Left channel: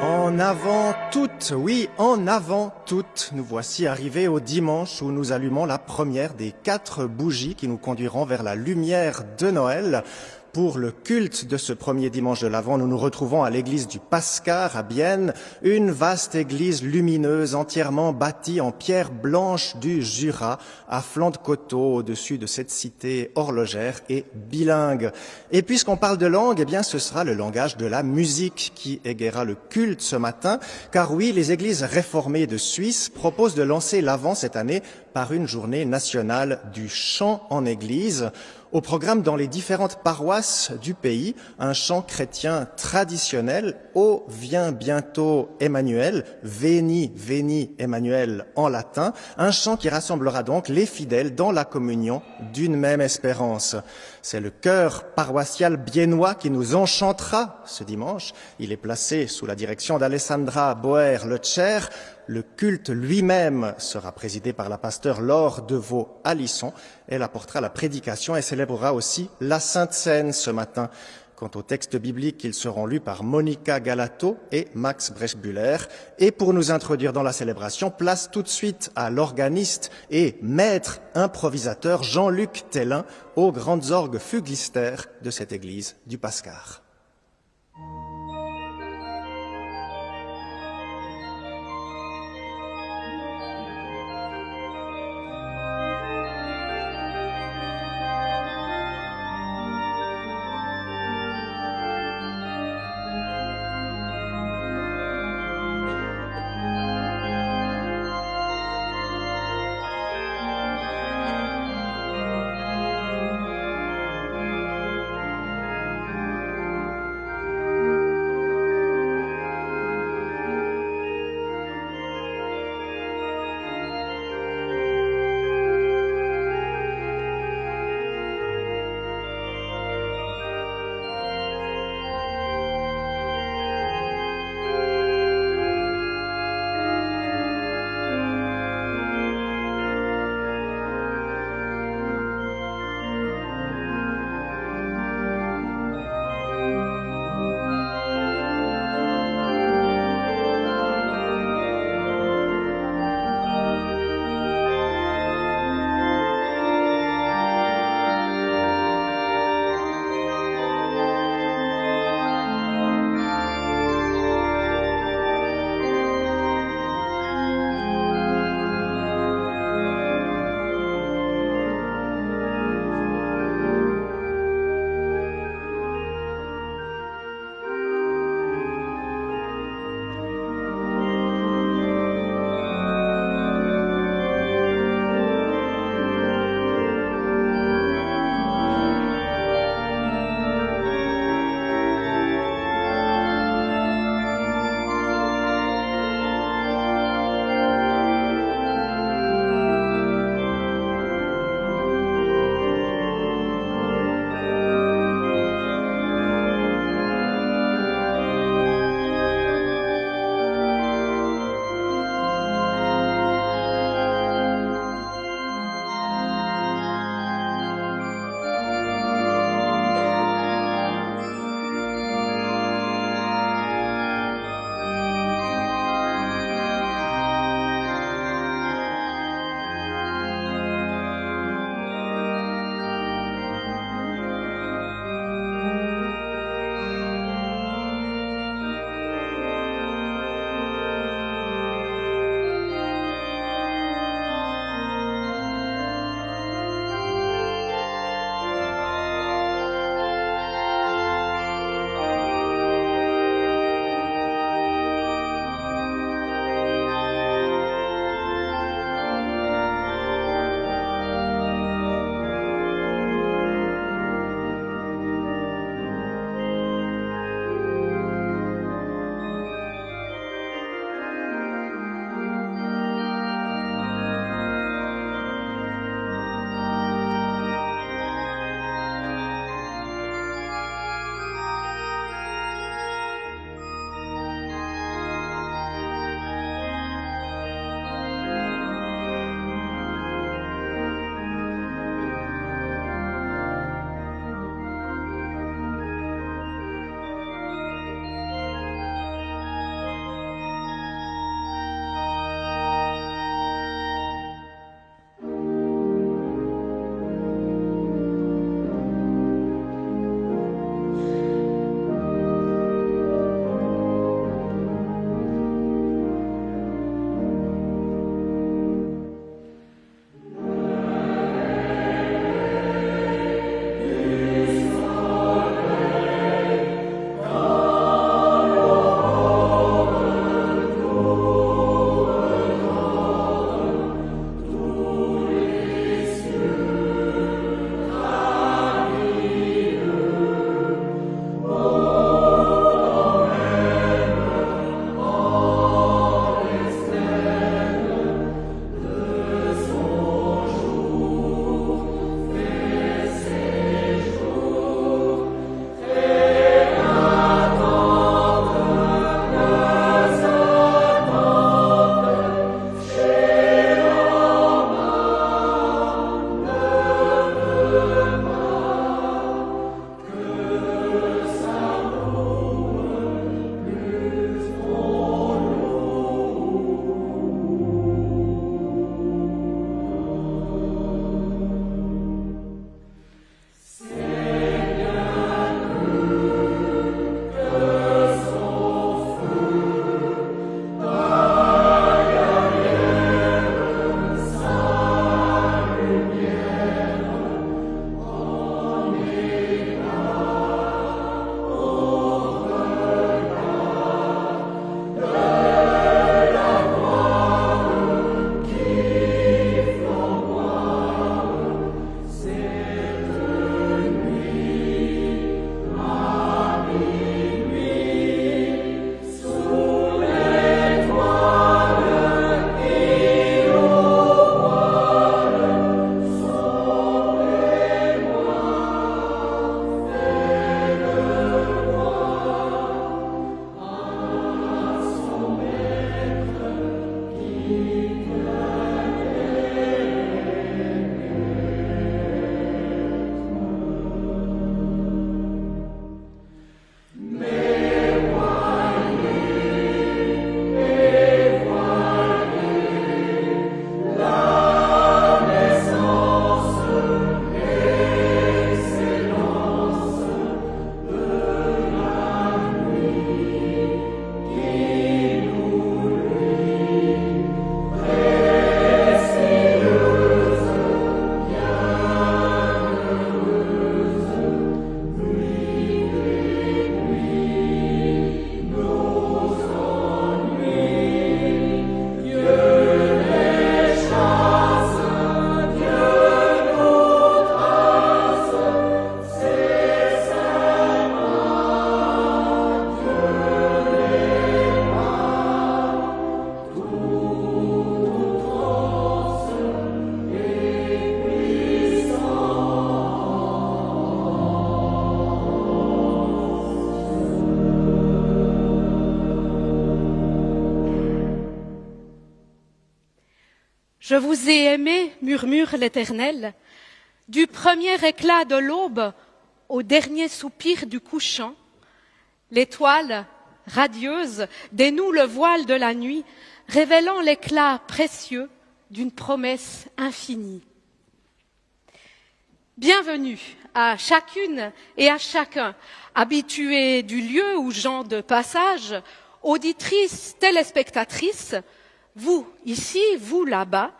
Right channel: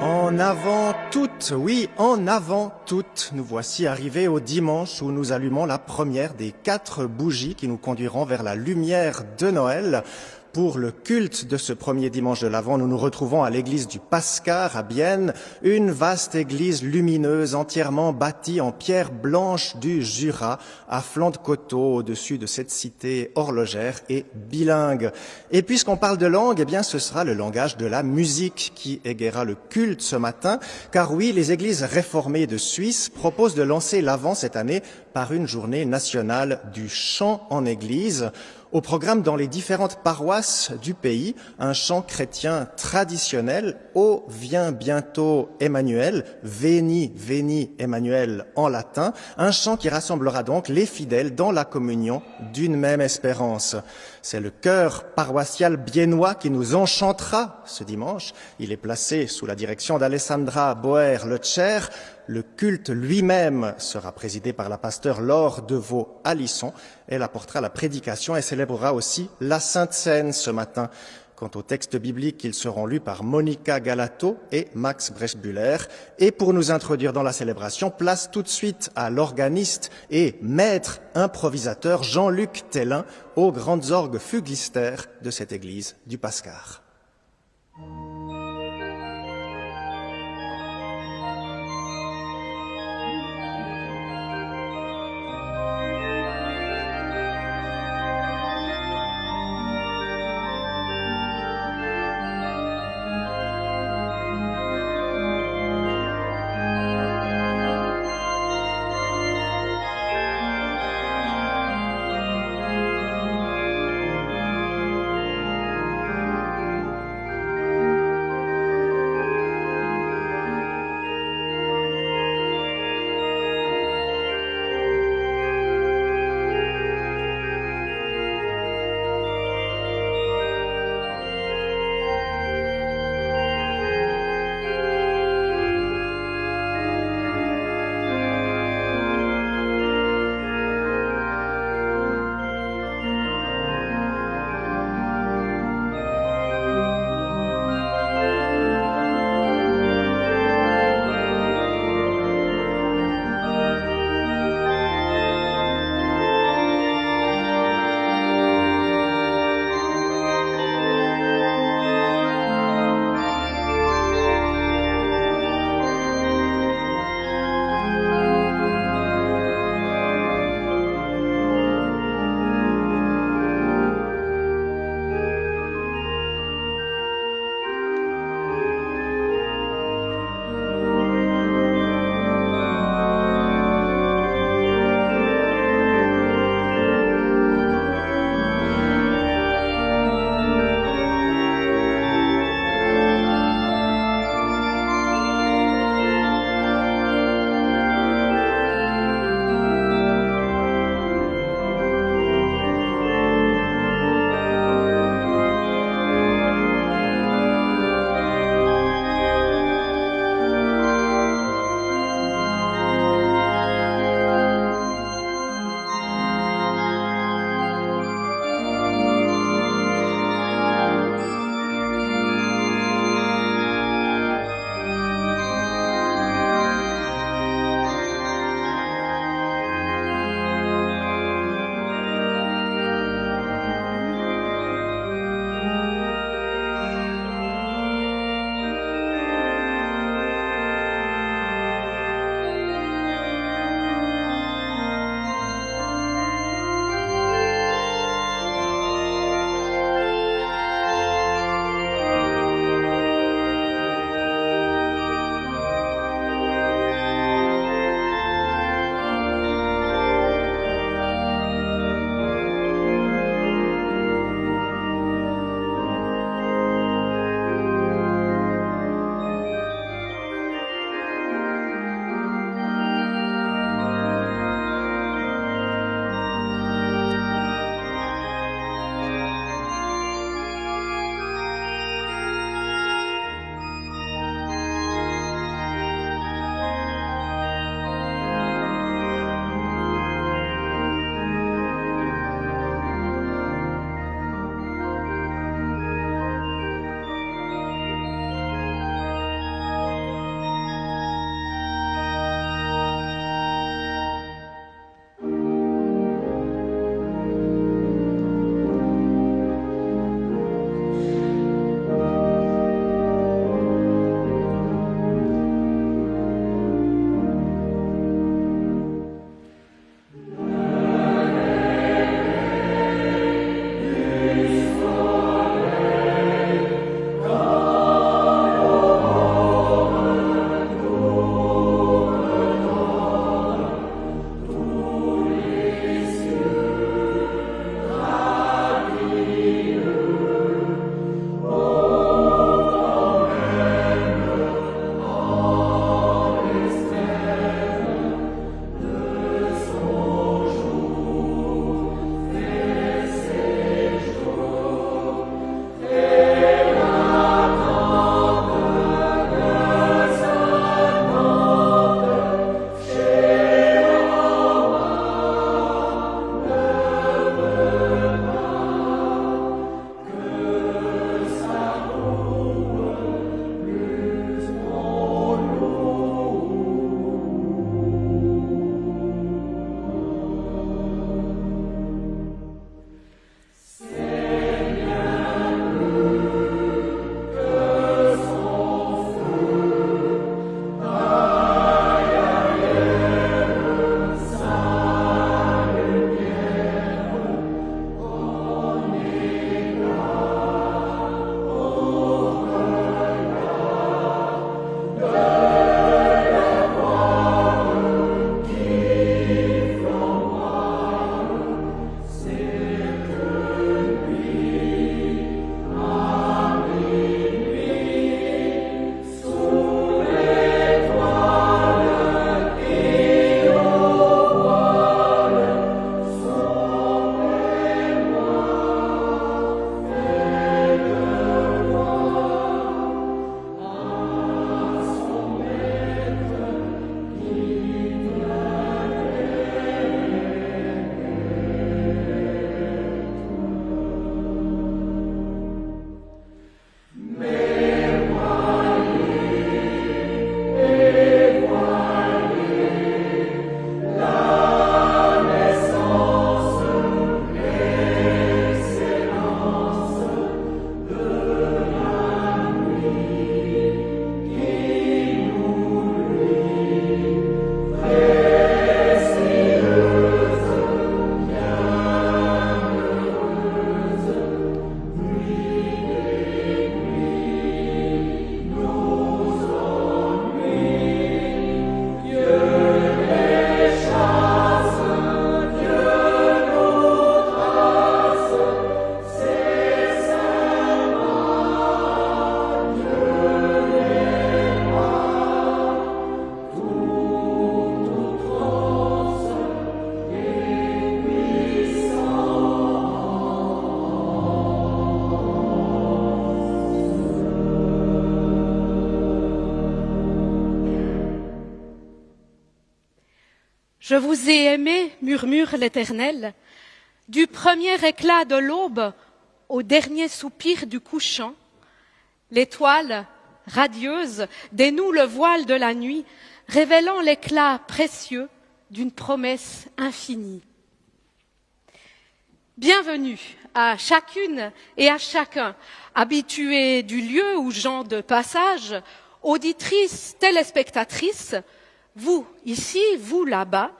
En avant toutes, oui, en avant toutes. Nous voici arrivés au dimanche où nous allumons la première des 4 bougies qui nous conduiront vers la lumière de Noël. Pour le culte de ce premier dimanche de l'Avent, nous nous retrouvons à l'église du Pascar à Bienne, une vaste église lumineuse entièrement bâtie en pierre blanche du Jura, à flanc de coteau au-dessus de cette cité horlogère et bilingue. Et puisqu'on parle de langue, eh bien ce sera le langage de la musique qui égaiera le culte ce matin, car oui, les églises réformées de Suisse proposent de lancer l'Avent cette année par une journée nationale du chant en église. Au programme dans les différentes paroisses du pays, un chant chrétien traditionnel, Ô vient bientôt Emmanuel, Veni, Veni Emmanuel en latin, un chant qui rassemblera donc les fidèles dans la communion d'une même espérance. C'est le chœur paroissial biennois qui nous enchantera ce dimanche. Il est placé sous la direction d'Alessandra Boer-Leccer. Le culte lui-même sera présidé par la pasteure Laure Deveau-Alisson. Elle apportera la prédication et célébrera aussi la Sainte Seine ce matin. Quant aux textes bibliques, ils seront lus par Monica Galato et Max Breschbuller. Et pour nous introduire dans la célébration, place tout de suite à l'organiste et maître improvisateur Jean-Luc Tellin aux grandes orgues fuglicitaires de cette église du Pascar. Je vous ai aimé, murmure l'Éternel, du premier éclat de l'aube au dernier soupir du couchant. L'étoile, radieuse, dénoue le voile de la nuit, révélant l'éclat précieux d'une promesse infinie. Bienvenue à chacune et à chacun, habitués du lieu ou gens de passage, auditrices, téléspectatrices, vous ici, vous là-bas,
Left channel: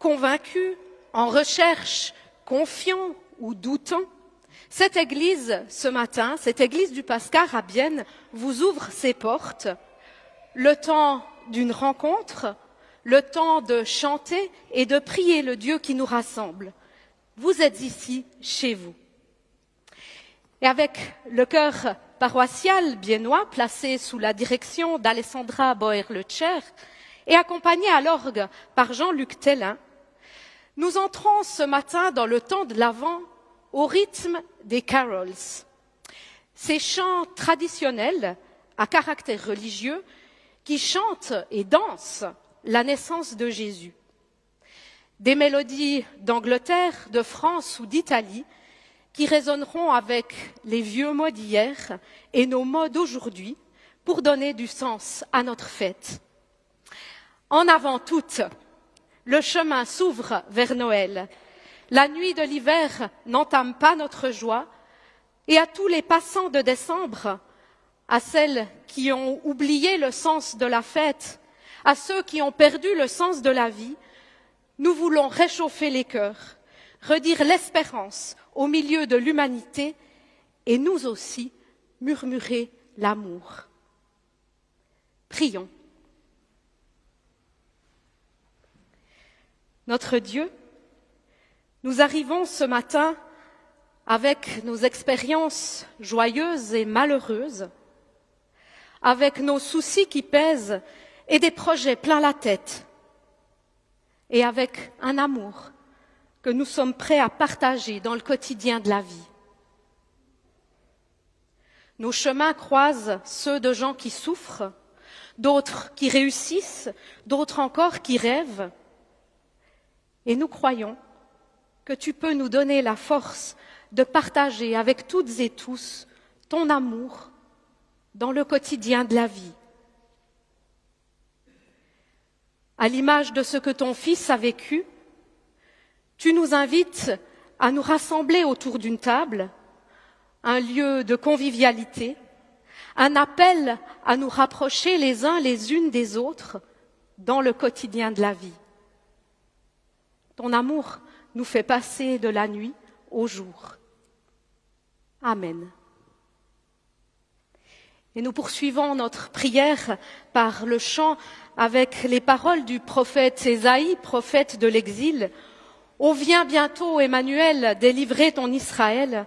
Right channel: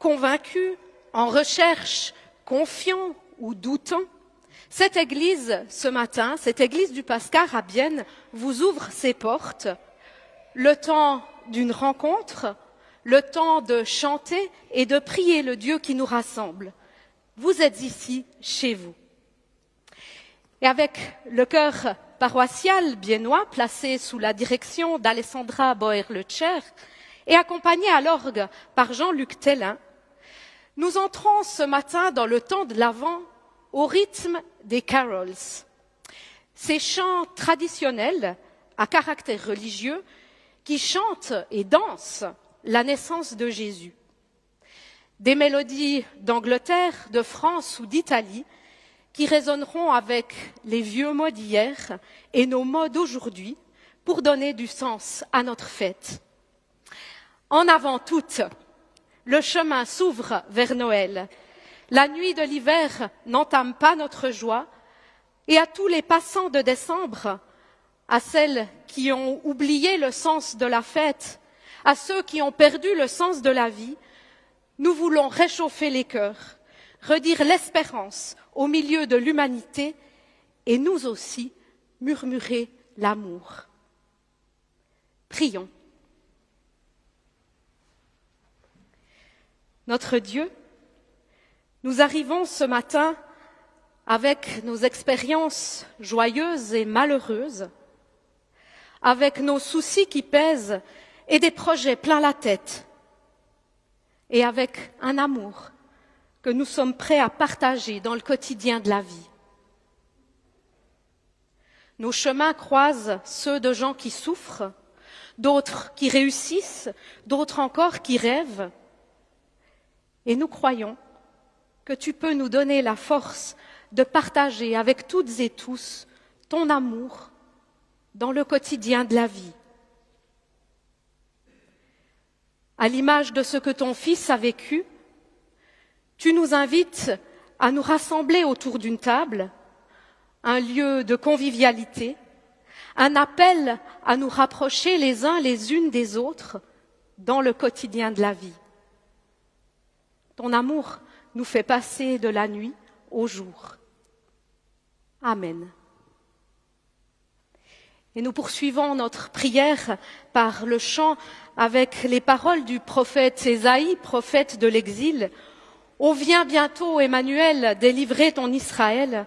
convaincus, en recherche, confiants ou doutants. Cette église, ce matin, cette église du Pascar à Bienne, vous ouvre ses portes. Le temps d'une rencontre, le temps de chanter et de prier le Dieu qui nous rassemble. Vous êtes ici, chez vous. Et avec le chœur paroissial biennois, placé sous la direction d'Alessandra Boer-Lecher et accompagné à l'orgue par Jean-Luc Tellin, nous entrons ce matin dans le temps de l'Avent au rythme des carols. Ces chants traditionnels à caractère religieux qui chantent et dansent la naissance de Jésus. Des mélodies d'Angleterre, de France ou d'Italie qui résonneront avec les vieux mots d'hier et nos mots d'aujourd'hui pour donner du sens à notre fête. En avant toutes, le chemin s'ouvre vers Noël. La nuit de l'hiver n'entame pas notre joie et à tous les passants de décembre, à celles qui ont oublié le sens de la fête, à ceux qui ont perdu le sens de la vie, nous voulons réchauffer les cœurs, redire l'espérance au milieu de l'humanité et nous aussi murmurer l'amour. Prions. Notre Dieu, nous arrivons ce matin avec nos expériences joyeuses et malheureuses, avec nos soucis qui pèsent et des projets plein la tête, et avec un amour que nous sommes prêts à partager dans le quotidien de la vie. Nos chemins croisent ceux de gens qui souffrent, d'autres qui réussissent, d'autres encore qui rêvent. Et nous croyons que tu peux nous donner la force de partager avec toutes et tous ton amour dans le quotidien de la vie. À l'image de ce que ton Fils a vécu, tu nous invites à nous rassembler autour d'une table, un lieu de convivialité, un appel à nous rapprocher les uns les unes des autres dans le quotidien de la vie. Ton amour nous fait passer de la nuit au jour. Amen. Et nous poursuivons notre prière par le chant avec les paroles du prophète Ésaïe, prophète de l'exil. Ô viens bientôt, Emmanuel, délivrer ton Israël.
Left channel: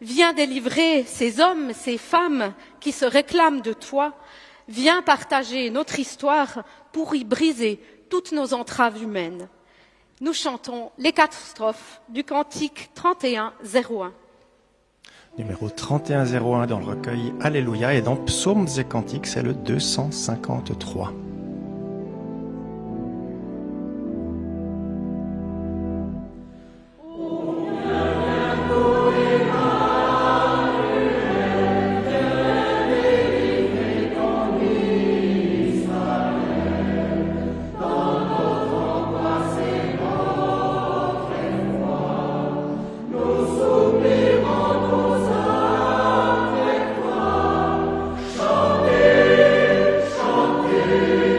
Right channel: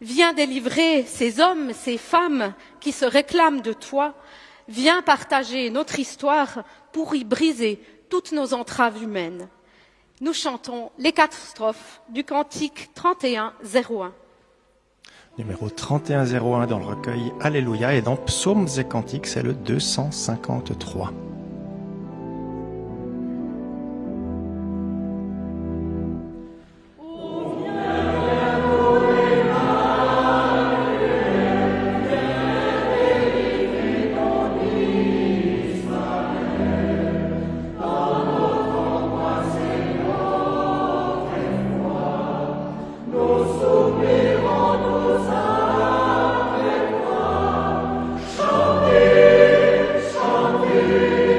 Viens délivrer ces hommes, ces femmes qui se réclament de toi. Viens partager notre histoire pour y briser toutes nos entraves humaines. Nous chantons les 4 strophes du cantique 31-01. Numéro 3101 dans le recueil Alléluia et dans Psaumes et Cantiques, c'est le 253. Chanter, chanter.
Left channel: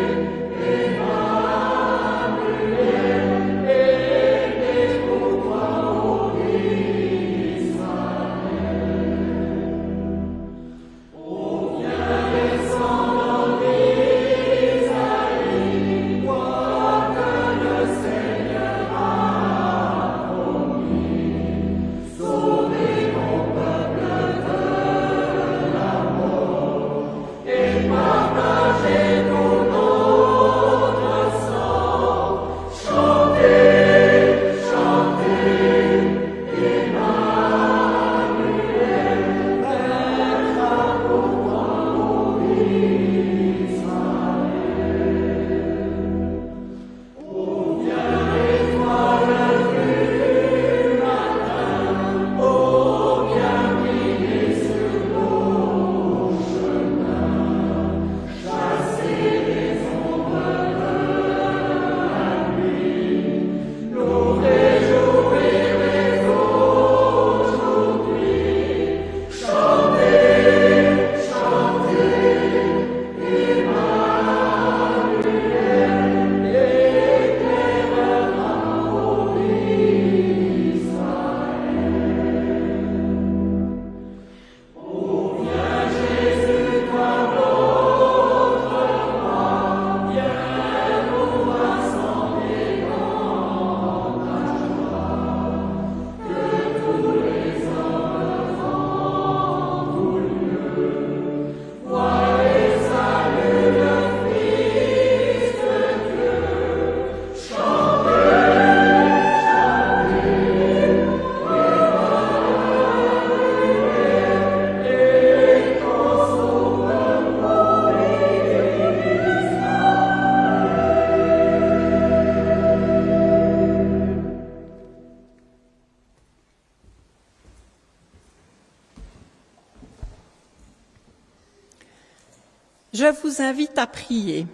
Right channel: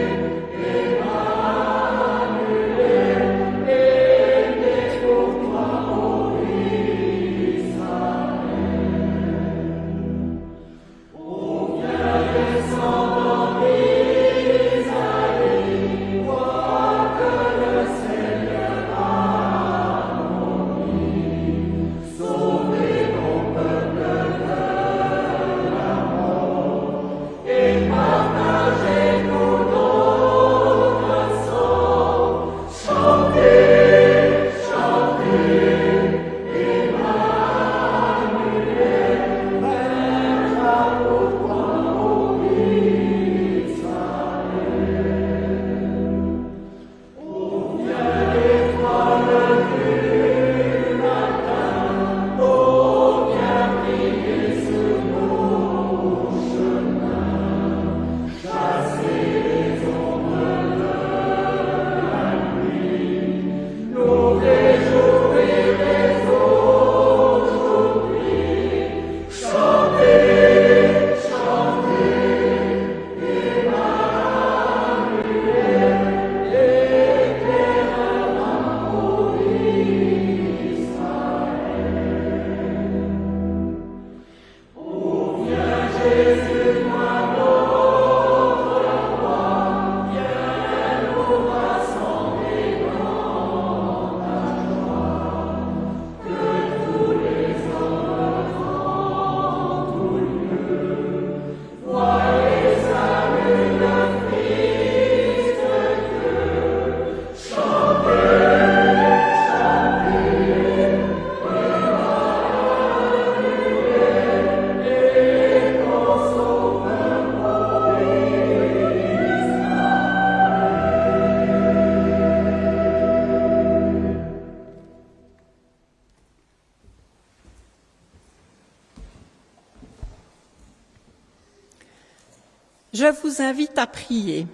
Je vous invite à prier.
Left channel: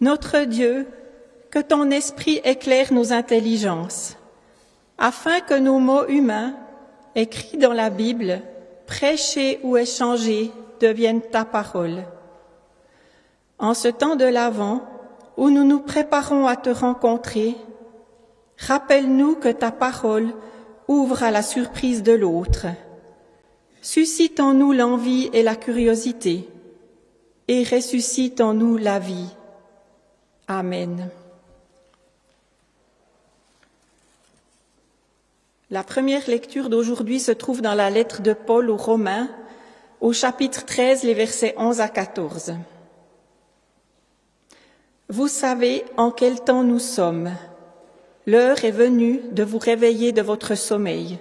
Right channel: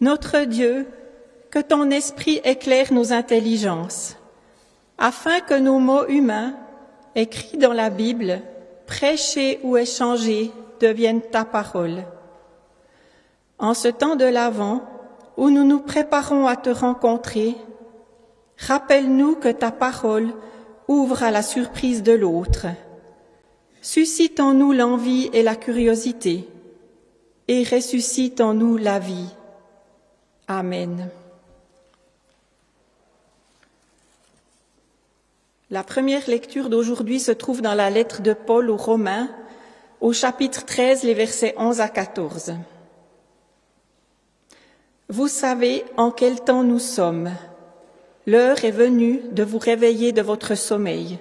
Notre Dieu, que ton esprit éclaire nos intelligences, afin que nos mots humains, écrits dans la Bible, prêchés ou échangés, deviennent ta parole. En ce temps de l'Avent, où nous nous préparons à te rencontrer, rappelle-nous que ta parole ouvre à la surprise de l'autre. Suscite en nous l'envie et la curiosité, et ressuscite en nous la vie. Amen. La première lecture d'aujourd'hui se trouve dans la lettre de Paul aux Romains, au chapitre 13, les versets 11 à 14. Vous savez en quel temps nous sommes. L'heure est venue de vous réveiller de votre sommeil.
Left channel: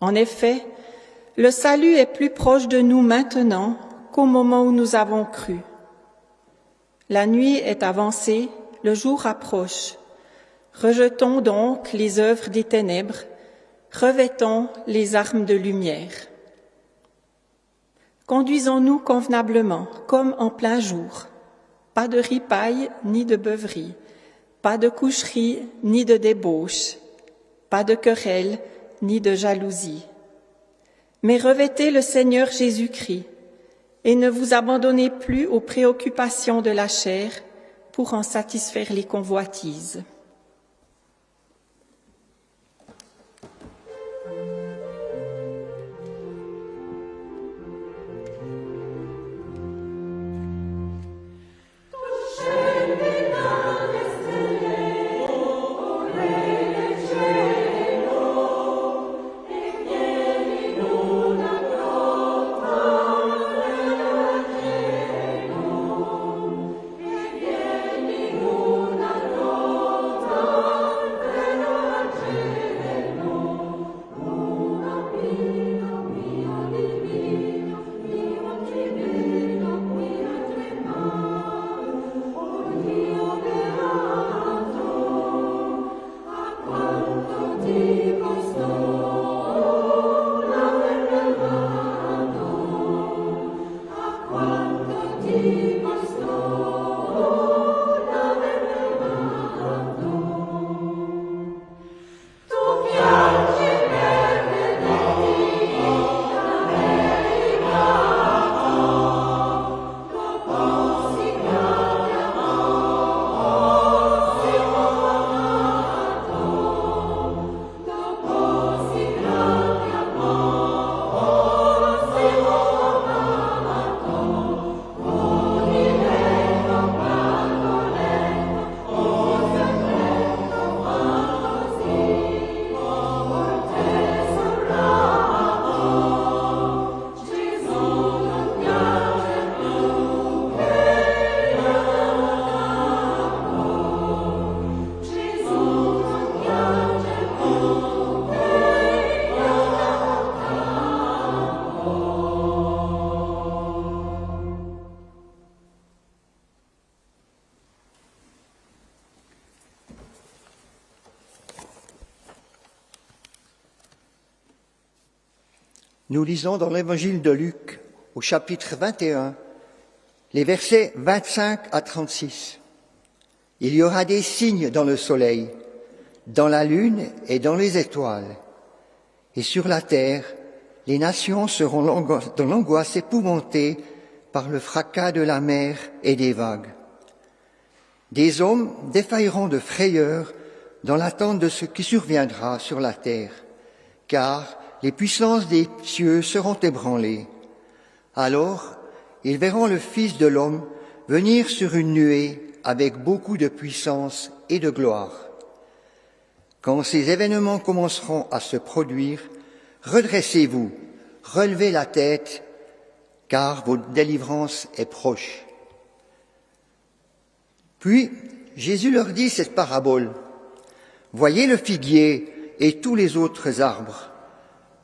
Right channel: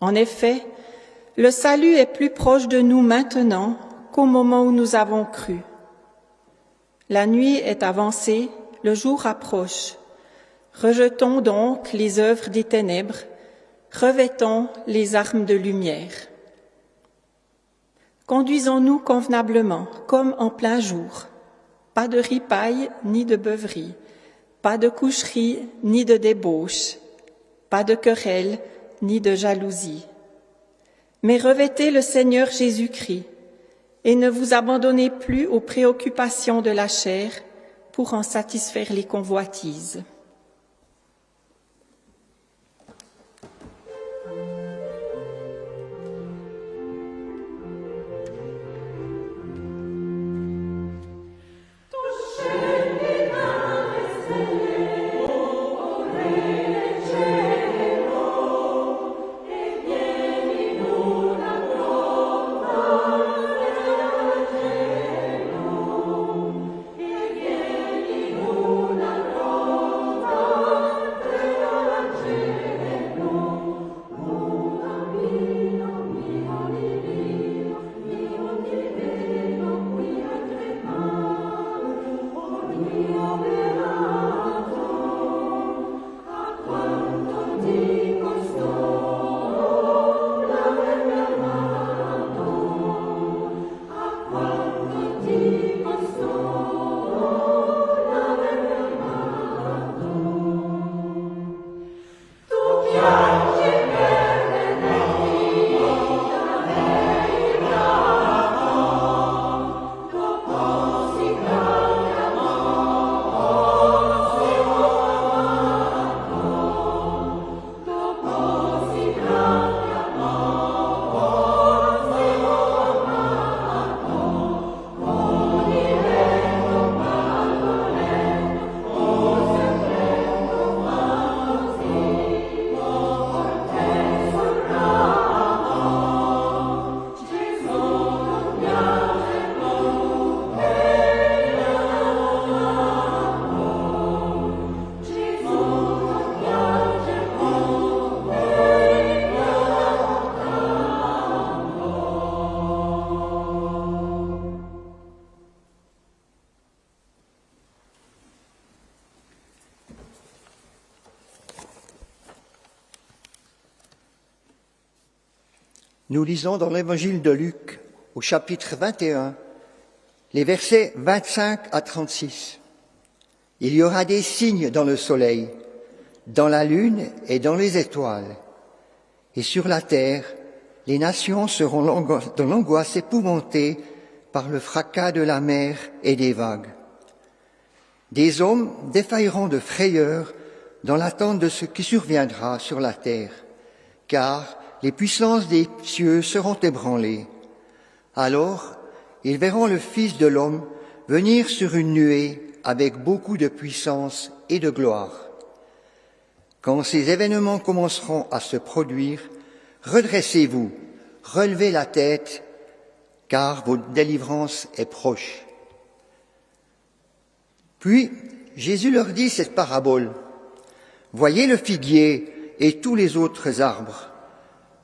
En effet, le salut est plus proche de nous maintenant qu'au moment où nous avons cru. La nuit est avancée, le jour approche. Rejetons donc les œuvres des ténèbres, revêtons les armes de lumière. Conduisons-nous convenablement, comme en plein jour. Pas de ripaille ni de beuverie, pas de coucherie ni de débauche, pas de querelle ni de jalousie. Mais revêtez le Seigneur Jésus-Christ et ne vous abandonnez plus aux préoccupations de la chair pour en satisfaire les convoitises. Nous lisons dans l'évangile de Luc, au chapitre 21, les versets 25 à 36. Il y aura des signes dans le soleil, dans la lune et dans les étoiles. Et sur la terre, les nations seront dans l'angoisse épouvantée par le fracas de la mer et des vagues. Des hommes défailleront de frayeur dans l'attente de ce qui surviendra sur la terre, car les puissances des cieux seront ébranlées. Alors, ils verront le Fils de l'homme venir sur une nuée avec beaucoup de puissance et de gloire. Quand ces événements commenceront à se produire, redressez-vous, relevez la tête, car votre délivrance est proche. Puis, Jésus leur dit cette parabole. Voyez le figuier et tous les autres arbres.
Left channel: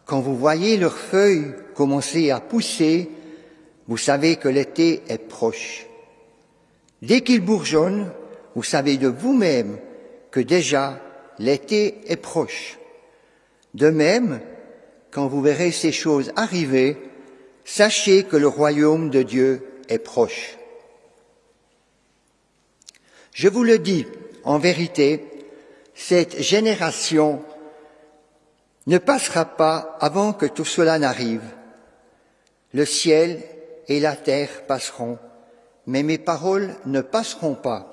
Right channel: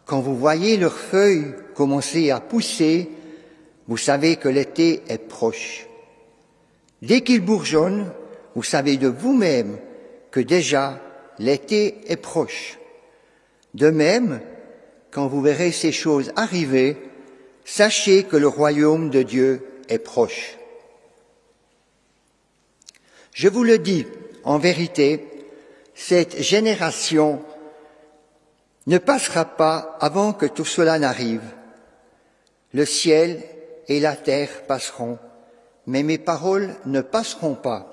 Quand vous voyez leurs feuilles commencer à pousser, vous savez que l'été est proche. Dès qu'ils bourgeonnent, vous savez de vous-même que déjà l'été est proche. De même, quand vous verrez ces choses arriver, sachez que le royaume de Dieu est proche. Je vous le dis, en vérité, cette génération ne passera pas avant que tout cela n'arrive. Le ciel et la terre passeront, mais mes paroles ne passeront pas.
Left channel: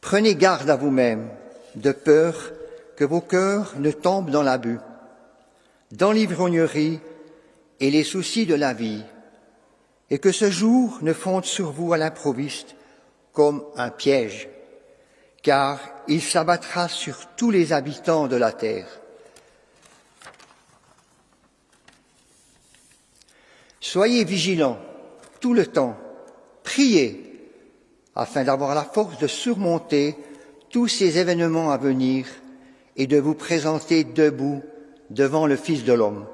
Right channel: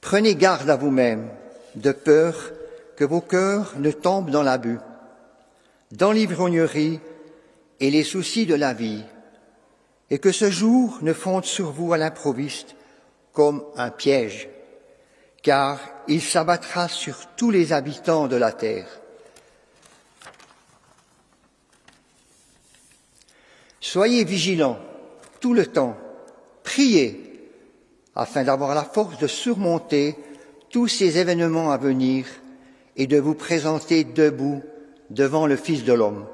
Prenez garde à vous-même, de peur que vos cœurs ne tombent dans l'abus, dans l'ivrognerie et les soucis de la vie, et que ce jour ne fonde sur vous à l'improviste comme un piège, car il s'abattra sur tous les habitants de la terre. Soyez vigilants tout le temps, priez, afin d'avoir la force de surmonter tous ces événements à venir et de vous présenter debout devant le Fils de l'homme.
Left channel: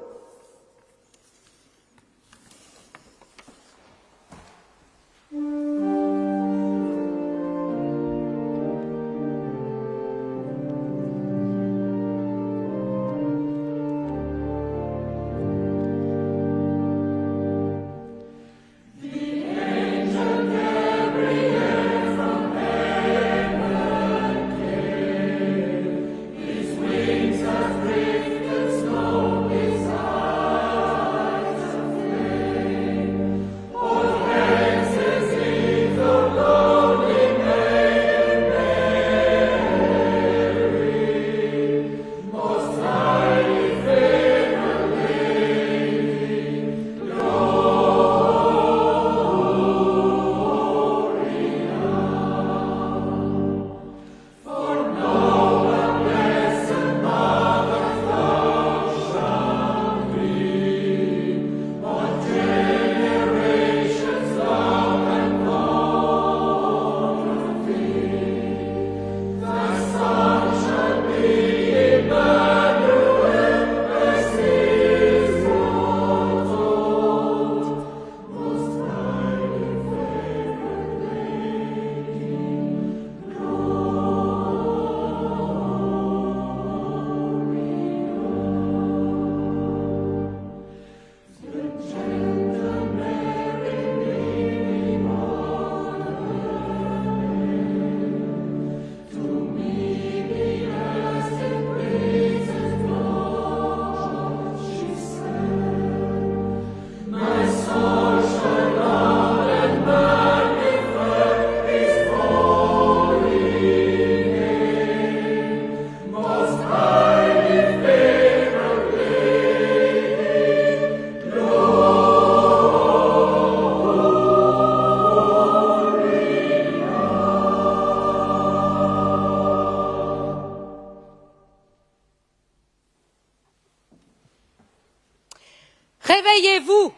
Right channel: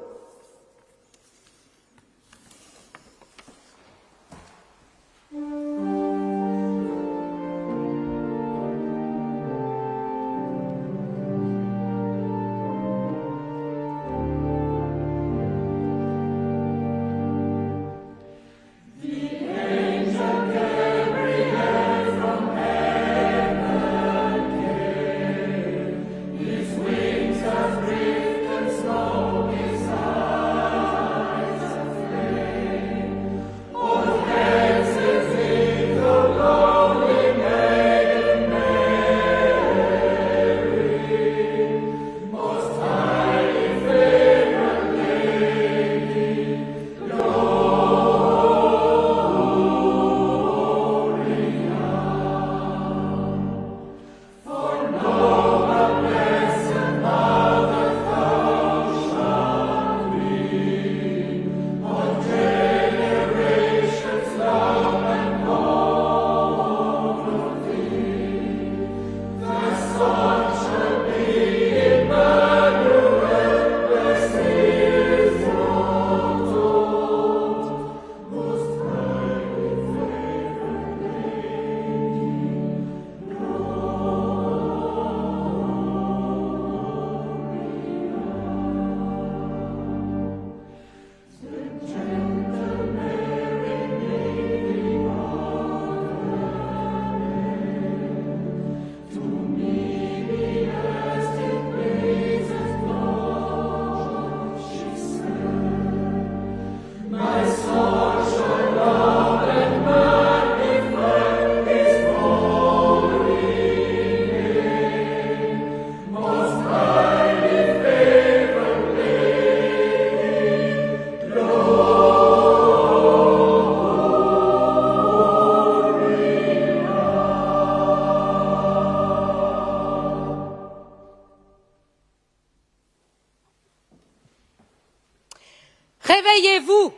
Réveillez-vous,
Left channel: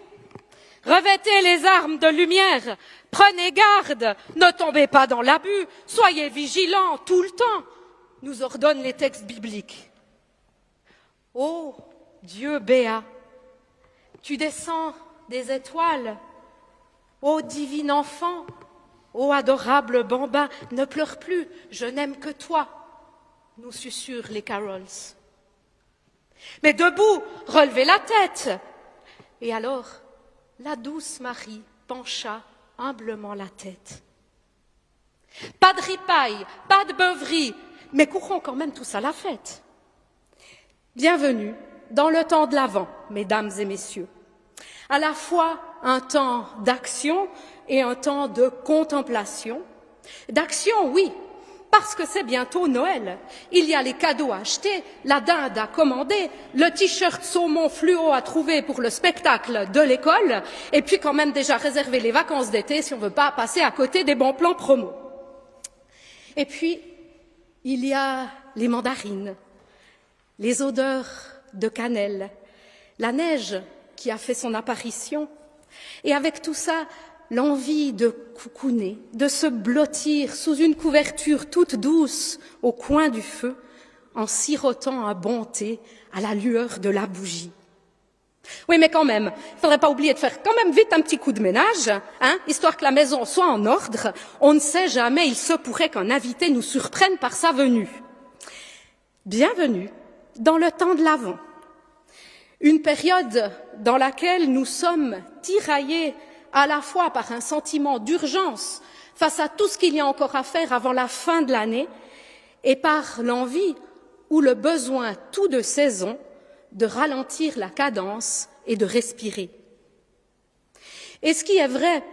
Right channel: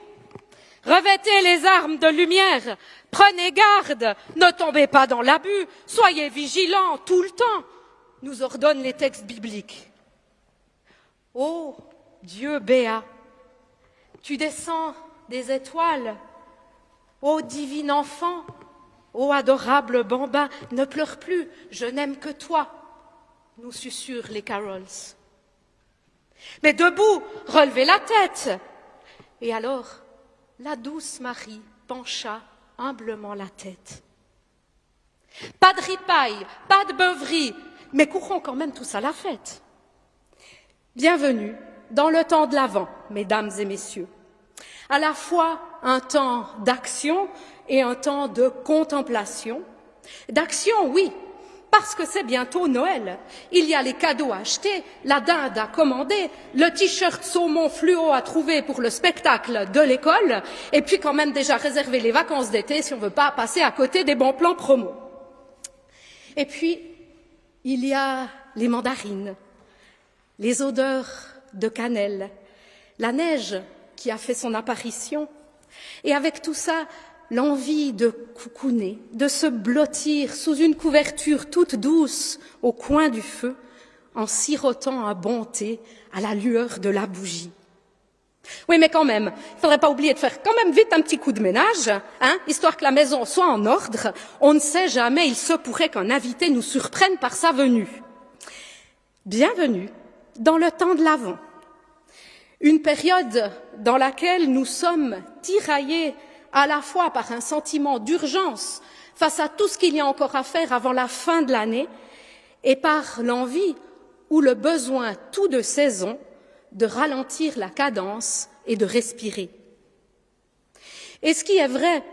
revêtez les armes de lumière, prenez garde, ne tombez pas dans l'abus, soyez vigilants tout le temps, nous ordonnent les textes bibliques. Ô Dieu béat, tu descends des étoiles, ô divin enfant, ô adorable bambin, ne pleure plus, je n'aime que toi, nous susurrent les carols. Mais debout, relevez la tête. Et alors, la douce Marie pencha humblement la tête. Pas de ripaille, pas de beuverie, mais courons quand même tous à la fête. Bienvenue dans le temps de l'Avent, mesdames et messieurs. À la fois un temps d'action et un temps de contemplation. D'action, oui, parce que c'est bientôt Noël. Il y a les cadeaux à acheter, la dinde à commander, le t-shirt saumon fluo à trouver pour le spectacle de l'école, et puis quand même déjà réserver les vacances d'été si on ne veut pas passer à côté des bons plans promo. Et puis, il y a les mandarines, les odeurs de cannelle, la neige qui a fait son apparition, et avec tout ça, l'envie de coucouner, de se blottir sous une couverture toute douce au coin du feu, en sirotant un bon thé à la lueur de la bougie. Oui, mais quand même, il ne faudrait pas oublier de faire quand même vite un petit coup de ménage, histoire que la maison soit en ordre. On ne sait jamais, il se pourrait qu'un invité nous surprenne par sa venue. Bienvenue dans le temps de l'Avent. Une période dans laquelle nous sommes tiraillés à la fois par un sentiment d'urgence face à tout ce qu'il y a encore à faire avant la fin de l'année et par l'envie ou le besoin tout de saison de ralentir la cadence et de respirer. Et ce qui est vrai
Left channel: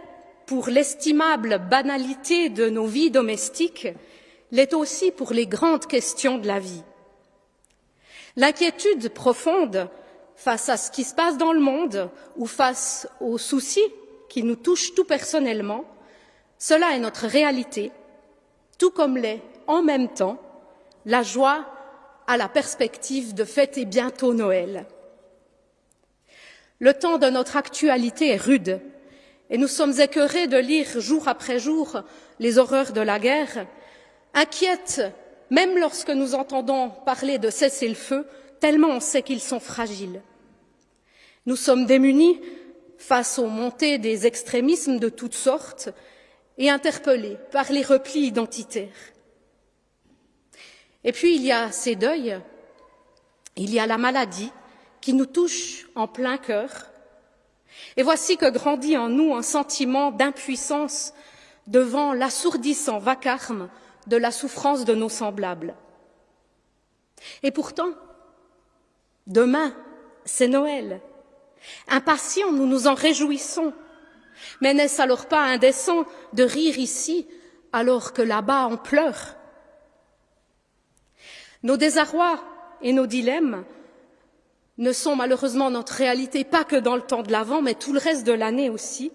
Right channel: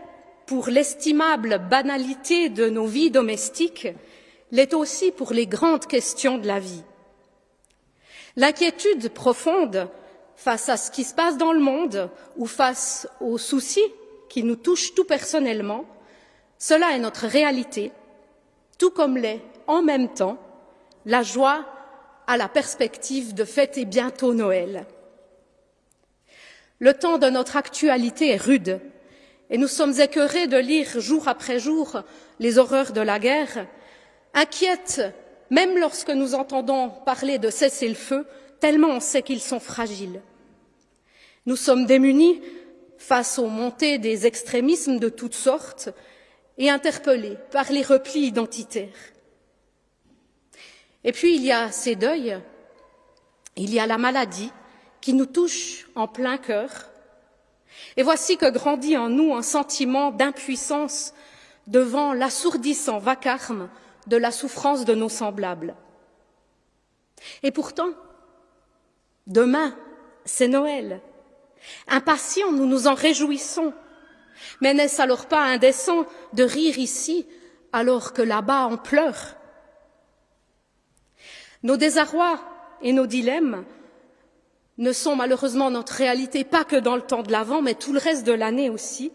pour l'estimable banalité de nos vies domestiques l'est aussi pour les grandes questions de la vie. L'inquiétude profonde face à ce qui se passe dans le monde ou face aux soucis qui nous touchent tout personnellement, cela est notre réalité, tout comme l'est en même temps la joie à la perspective de fêter bientôt Noël. Le temps de notre actualité est rude et nous sommes écœurés de lire jour après jour les horreurs de la guerre, inquiètes même lorsque nous entendons parler de cessez-le-feu, tellement on sait qu'ils sont fragiles. Nous sommes démunis face aux montées des extrémismes de toutes sortes et interpellés par les replis identitaires. Et puis il y a ces deuils, il y a la maladie qui nous touche en plein cœur. Et voici que grandit en nous un sentiment d'impuissance devant l'assourdissant vacarme de la souffrance de nos semblables. Et pourtant, demain, c'est Noël. Impatients, nous nous en réjouissons. Mais n'est-ce alors pas indécent de rire ici alors que là-bas on pleure? Nos désarrois et nos dilemmes ne sont malheureusement notre réalité pas que dans le temps de l'Avent, mais tout le reste de l'année aussi.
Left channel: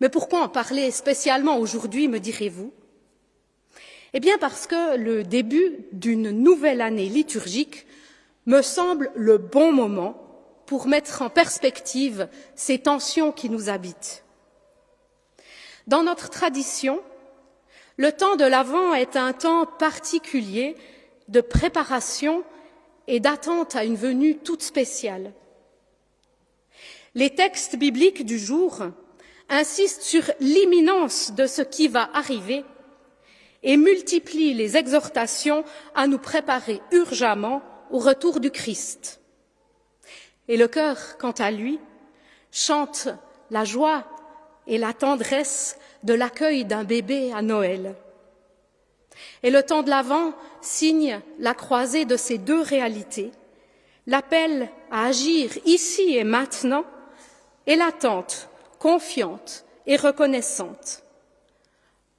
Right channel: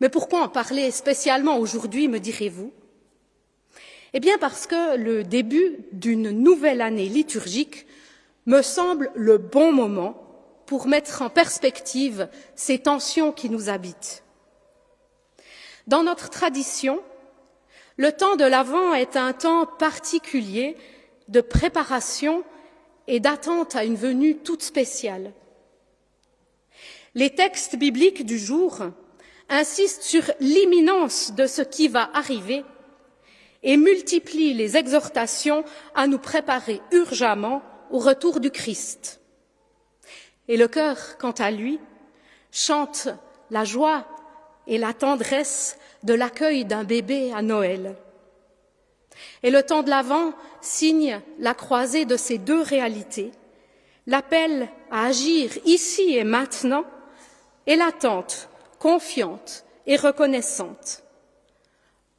Mais pourquoi en parler spécialement aujourd'hui, me direz-vous? Eh bien parce que le début d'une nouvelle année liturgique me semble le bon moment pour mettre en perspective ces tensions qui nous habitent. Dans notre tradition, le temps de l'Avent est un temps particulier de préparation et d'attente à une venue toute spéciale. Les textes bibliques du jour insistent sur l'imminence de ce qui va arriver et multiplient les exhortations à nous préparer urgemment au retour du Christ. Et le cœur, quant à lui, chante la joie et la tendresse de l'accueil d'un bébé à Noël. Et le temps de l'Avent signe la croisée de ces deux réalités, l'appel à agir ici et maintenant et l'attente confiante et reconnaissante.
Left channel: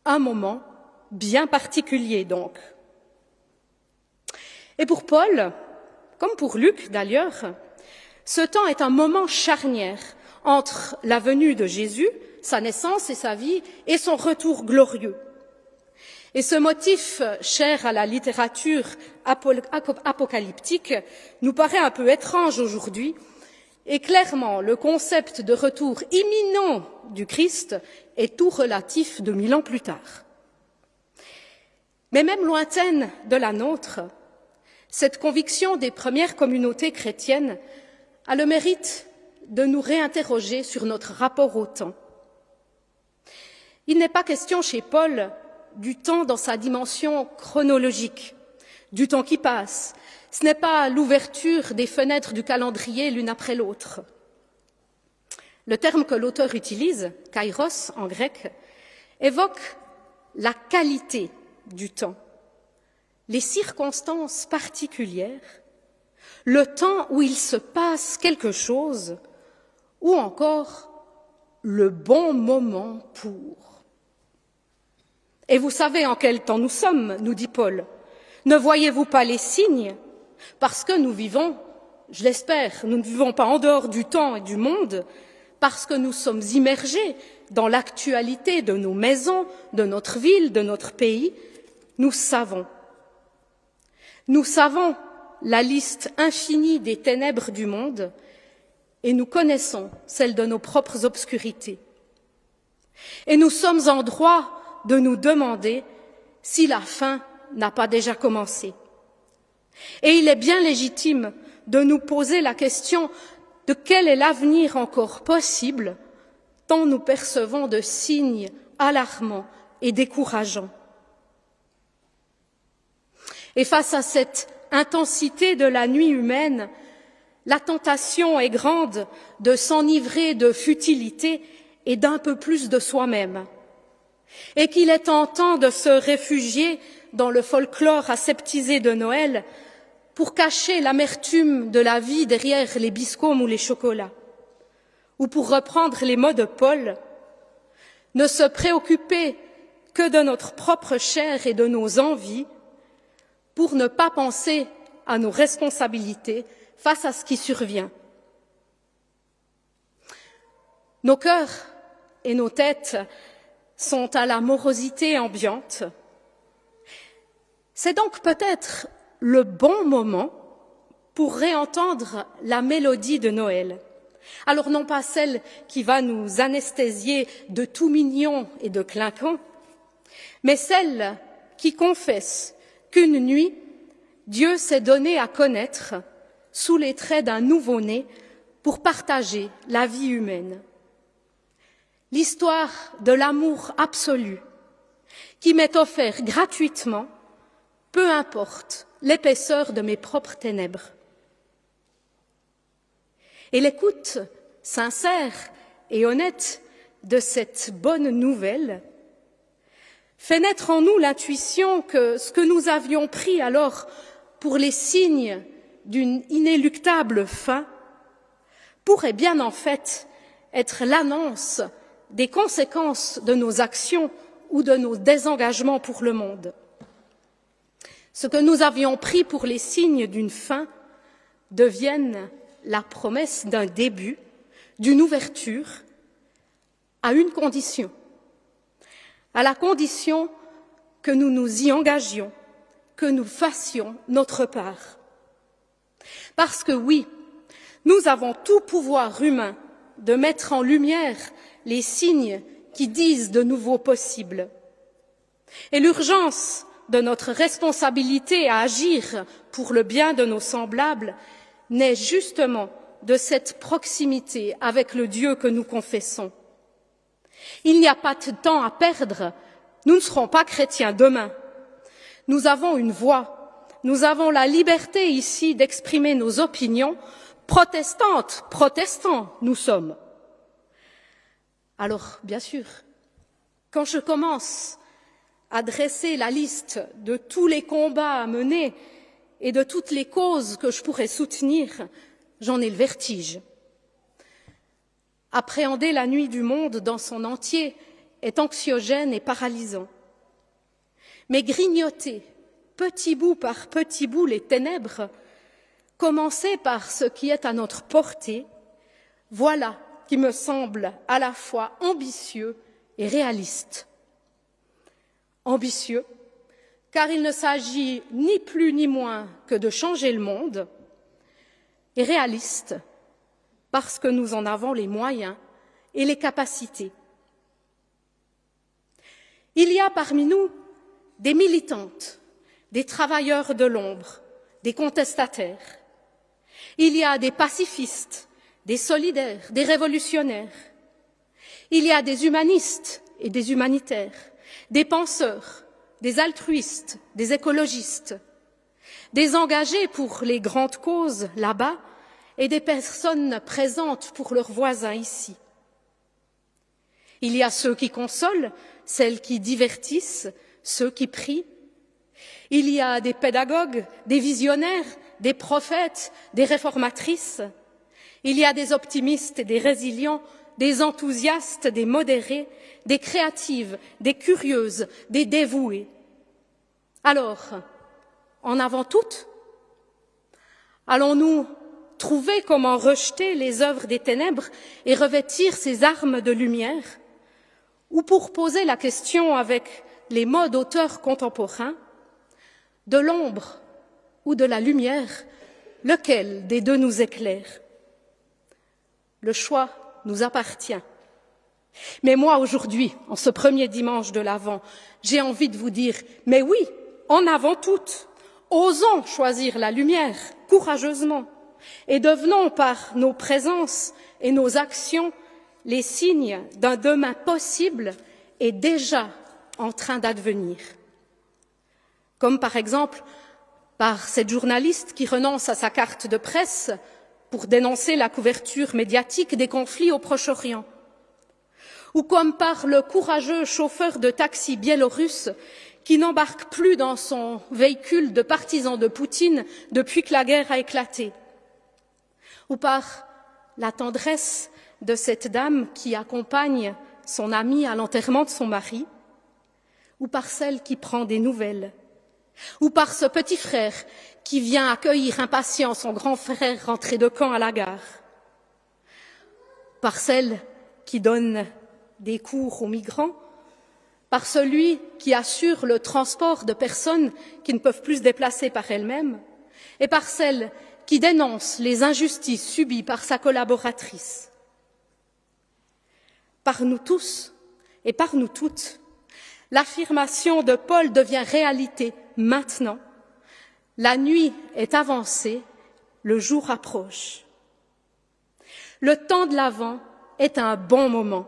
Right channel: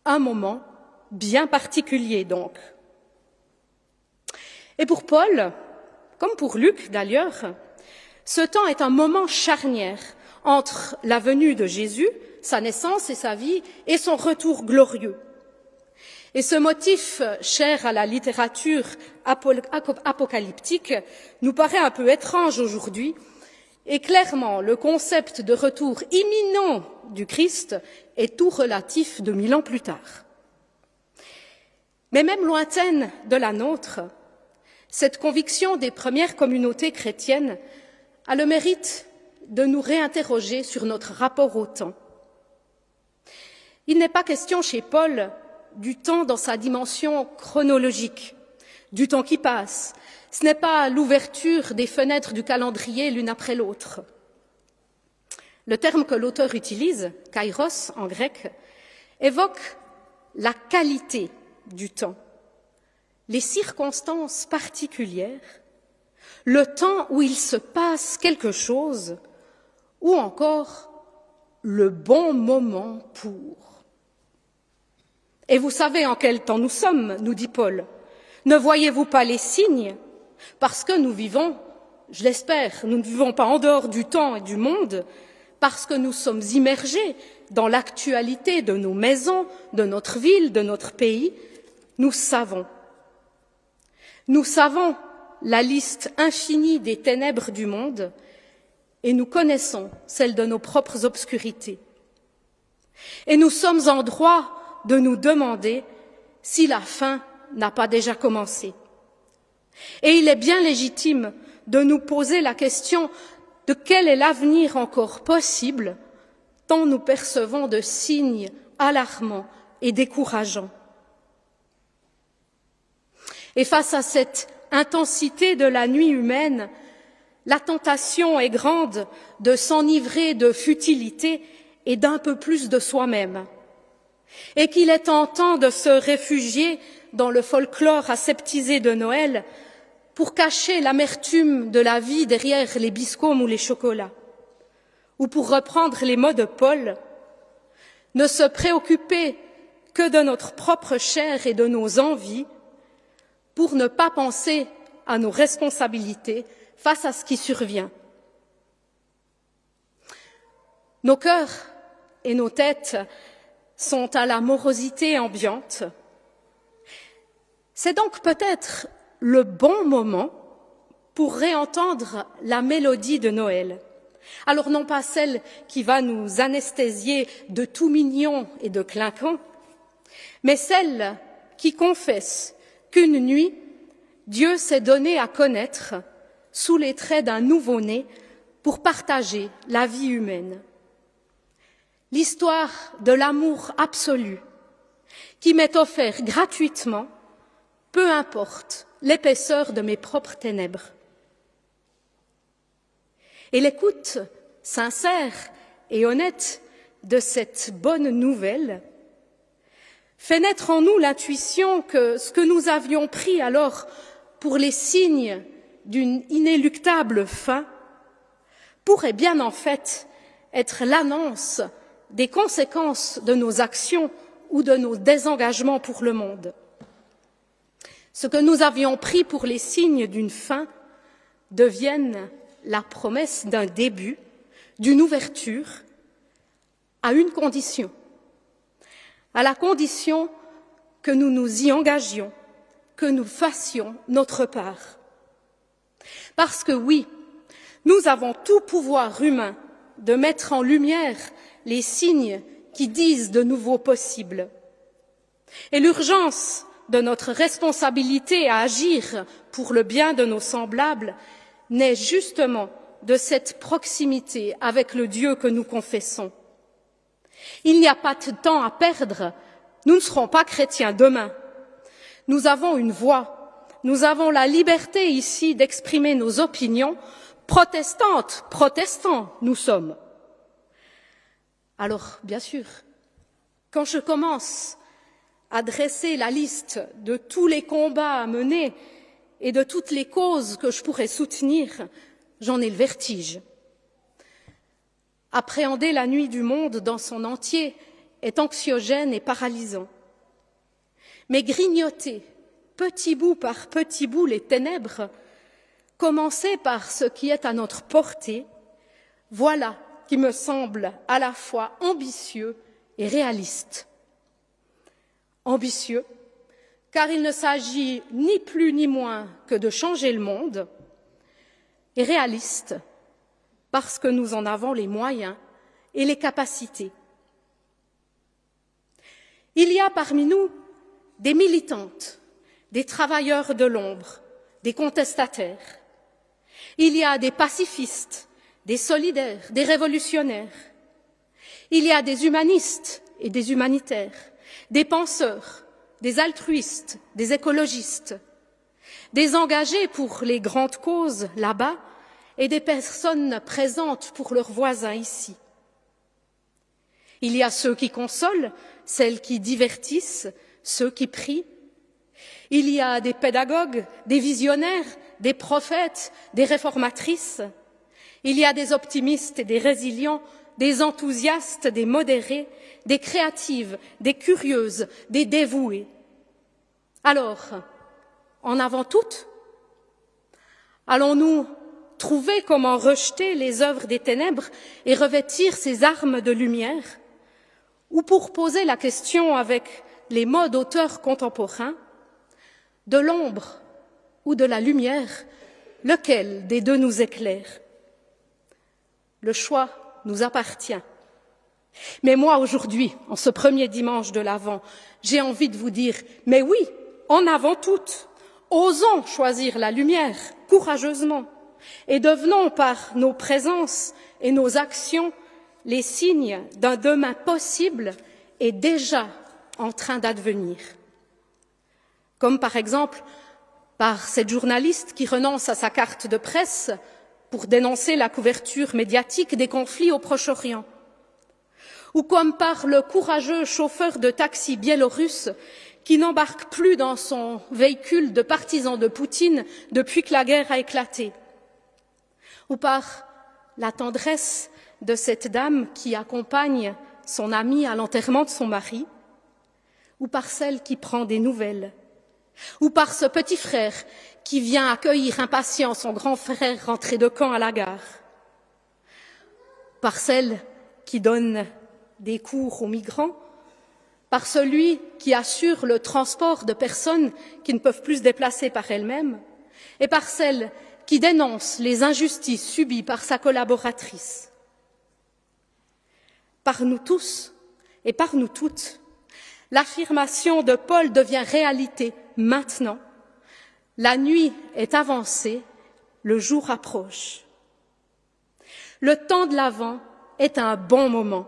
Un moment bien particulier donc. Et pour Paul, comme pour Luc d'ailleurs, ce temps est un moment charnière entre la venue de Jésus, sa naissance et sa vie, et son retour glorieux. Et ce motif, cher à la littérature apocalyptique, nous paraît un peu étrange aujourd'hui, et clairement, le concept de retour imminent du Christ est tout relatif 2000 ans plus tard. Mais même lointaine de la nôtre, cette conviction des premières communautés chrétiennes a le mérite de nous réinterroger sur notre rapport au temps. Il n'est pas question chez Paul du temps dans sa dimension chronologique, du temps qui passe. Ce n'est pas l'ouverture des fenêtres du calendrier l'une après l'autre. Le terme que l'auteur utilise, kairos en grec, évoque la qualité du temps, les circonstances particulières, le temps où il se passe quelque chose, ou encore le bon moment pour. Et vous savez en quel temps nous sommes, nous dit Paul. Ne voyez-vous pas les signes? Parce que nous vivons, je l'espère, nous ne vivons pas en dehors du temps et du monde, parce que nous sommes immergés dans l'actualité de nos maisons, de notre ville, de notre pays. Nous savons la liste infinie des ténèbres du monde et nous connaissons celle de nos propres obscurités. Et nous sommes en droit de nous demander si la fin n'a pas déjà commencé. Et il est bien légitime de nous poser la question de quel est l'avenir encore possible, tant nous percevons de signes alarmants et décourageants. Et face à cette intensité de la nuit humaine, la tentation est grande de s'enivrer de futilité et d'un peu plus de soi-même, et qu'il est tentant de se réfugier dans le folklore aseptisé de Noël pour cacher l'amertume de la vie derrière les biscombes ou les chocolats, ou pour reprendre les mots de Paul, ne se préoccuper que de notre propre chair et de nos envies, pour ne pas penser à nos responsabilités face à ce qui survient. Nos cœurs et nos têtes sont à la morosité ambiante. C'est donc peut-être le bon moment pour réentendre la mélodie de Noël. Alors non pas celle qui va nous anesthésier de tout mignon et de clinquant, mais celle qui confesse qu'une nuit, Dieu s'est donné à connaître sous les traits d'un nouveau-né pour partager la vie humaine. L'histoire de l'amour absolu qui m'est offert gratuitement, peu importe l'épaisseur de mes propres ténèbres. Et l'écoute sincère et honnête de cette bonne nouvelle fait naître en nous l'intuition que ce que nous avions pris alors pour les signes d'une inéluctable fin pourrait bien en fait être l'annonce des conséquences de nos actions ou de nos désengagements pour le monde. Ce que nous avions pris pour les signes d'une fin deviennent la promesse d'un début, d'une ouverture, à une condition, à la condition que nous nous y engagions, que nous fassions notre part. Parce que oui, nous avons tout pouvoir humain de mettre en lumière les signes qui disent de nouveaux possibles. Et l'urgence de notre responsabilité à agir pour le bien de nos semblables naît justement de cette proximité avec le Dieu que nous confessons. Il n'y a pas de temps à perdre, nous ne serons pas chrétiens demain. Nous avons une voix, nous avons la liberté ici d'exprimer nos opinions, protestantes, protestants nous sommes. Alors, bien sûr, quand je commence à dresser la liste de tous les combats à mener et de toutes les causes que je pourrais soutenir, j'en ai le vertige. Appréhender la nuit du monde dans son entier est anxiogène et paralysant. Mais grignoter, petit bout par petit bout, les ténèbres, commencer par ce qui est à notre portée, voilà qui me semble à la fois ambitieux et réaliste. Ambitieux, car il ne s'agit ni plus ni moins que de changer le monde, et réaliste, parce que nous en avons les moyens et les capacités. Il y a parmi nous des militantes, des travailleurs de l'ombre, des contestataires. Il y a des pacifistes, des solidaires, des révolutionnaires. Il y a des humanistes et des humanitaires, des penseurs, des altruistes, des écologistes, des engagés pour les grandes causes là-bas et des personnes présentes pour leurs voisins ici. Il y a ceux qui consolent, celles qui divertissent, ceux qui prient. Il y a des pédagogues, des visionnaires, des prophètes, des réformatrices. Il y a des optimistes et des résilients, des enthousiastes, des modérés, des créatives, des curieuses, des dévouées. Alors, en avant toutes, allons-nous trouver comment rejeter les œuvres des ténèbres et revêtir ces armes de lumière? Ou pour poser la question avec les mots d'auteurs contemporains, de l'ombre ou de la lumière, lequel des deux nous éclaire? Le choix nous appartient. Mais moi, aujourd'hui, en ce premier dimanche de l'Avent, j'ai envie de vous dire, mais oui, en avant toutes, osons choisir la lumière courageusement et devenons par nos présences et nos actions les signes d'un demain possible et déjà en train d'advenir. Comme par exemple par cette journaliste qui renonce à sa carte de presse pour dénoncer la couverture médiatique des conflits au Proche-Orient, ou comme par le courageux chauffeur de taxi biélorusse qui n'embarque plus dans son véhicule de partisans de Poutine depuis que la guerre a éclaté, ou par la tendresse de cette dame qui accompagne son amie à l'enterrement de son mari, ou par celle qui prend des nouvelles, ou par ce petit frère qui vient accueillir impatient son grand frère rentré de camp à la gare, par celle qui donne des cours aux migrants, par celui qui assure le transport de personnes qui ne peuvent plus se déplacer par elles-mêmes, et par celle qui dénonce les injustices subies par sa collaboratrice. Par nous tous et par nous toutes, l'affirmation de Paul devient réalité maintenant. La nuit est avancée, le jour approche. Le temps de l'Avent est un bon moment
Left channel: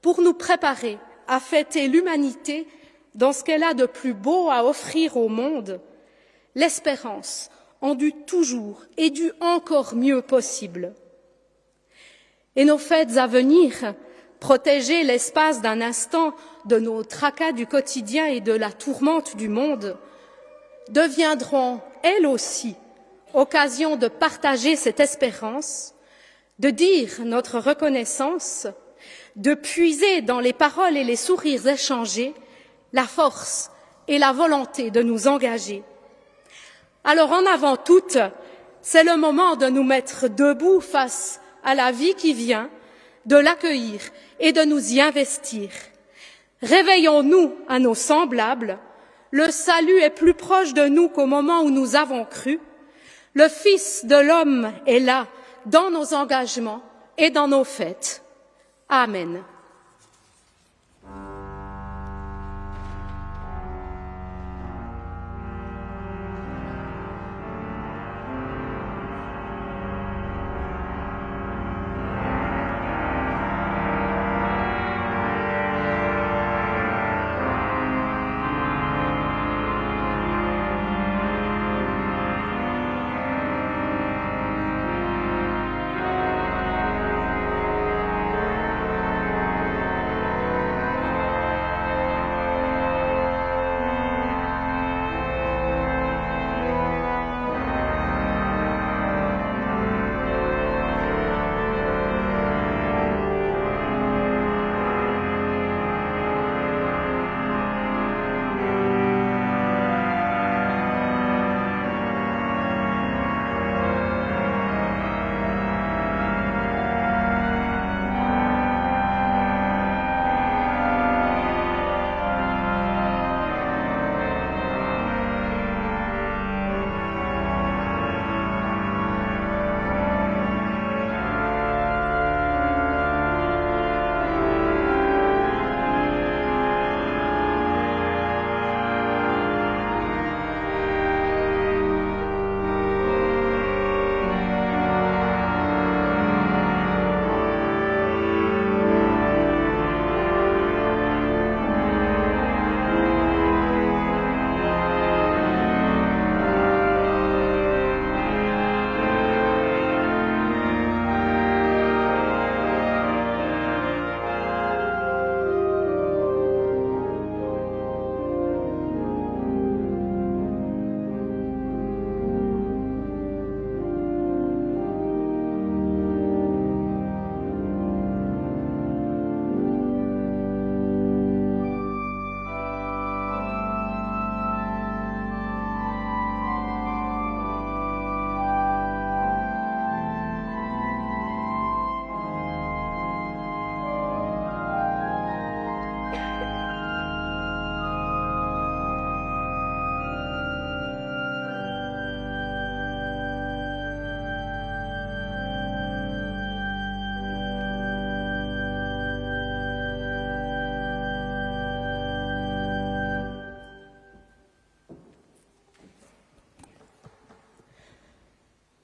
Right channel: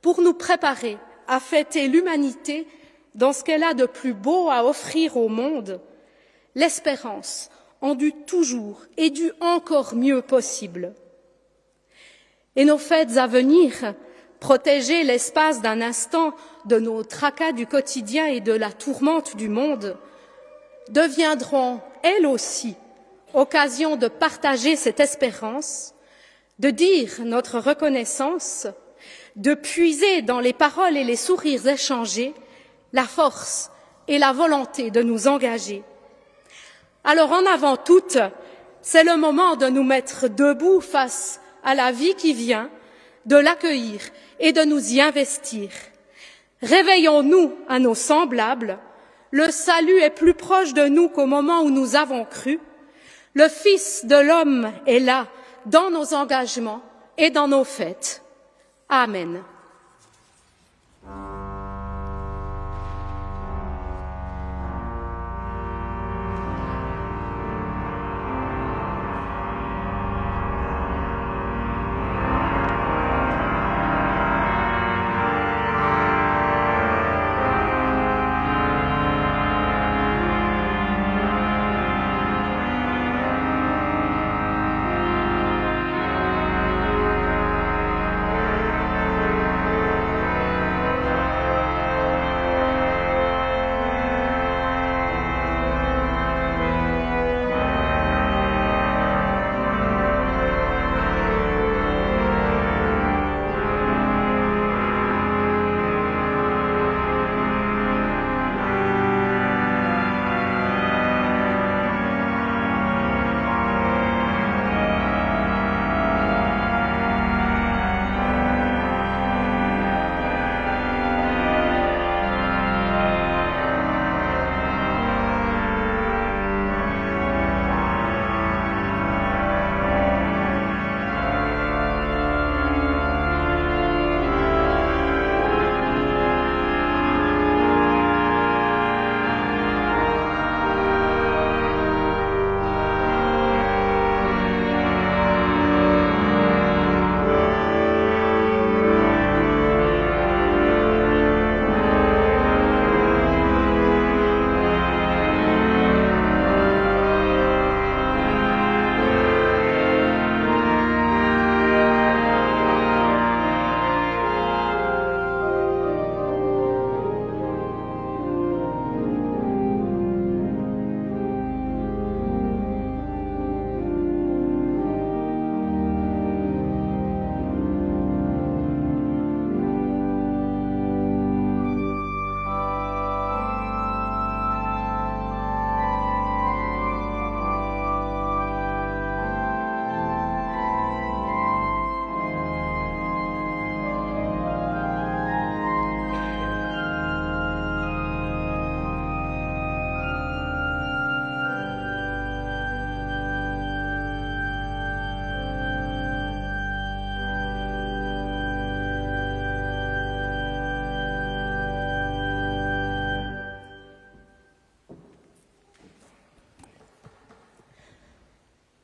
pour nous préparer à fêter l'humanité dans ce qu'elle a de plus beau à offrir au monde, l'espérance en du toujours et du encore mieux possible. Et nos fêtes à venir, protéger l'espace d'un instant de nos tracas du quotidien et de la tourmente du monde, deviendront, elles aussi, occasion de partager cette espérance, de dire notre reconnaissance, de puiser dans les paroles et les sourires échangés la force et la volonté de nous engager. Alors en avant toutes, c'est le moment de nous mettre debout face à la vie qui vient, de l'accueillir et de nous y investir. Réveillons-nous à nos semblables, le salut est plus proche de nous qu'au moment où nous avons cru, le Fils de l'homme est là, dans nos engagements et dans nos fêtes. Amen.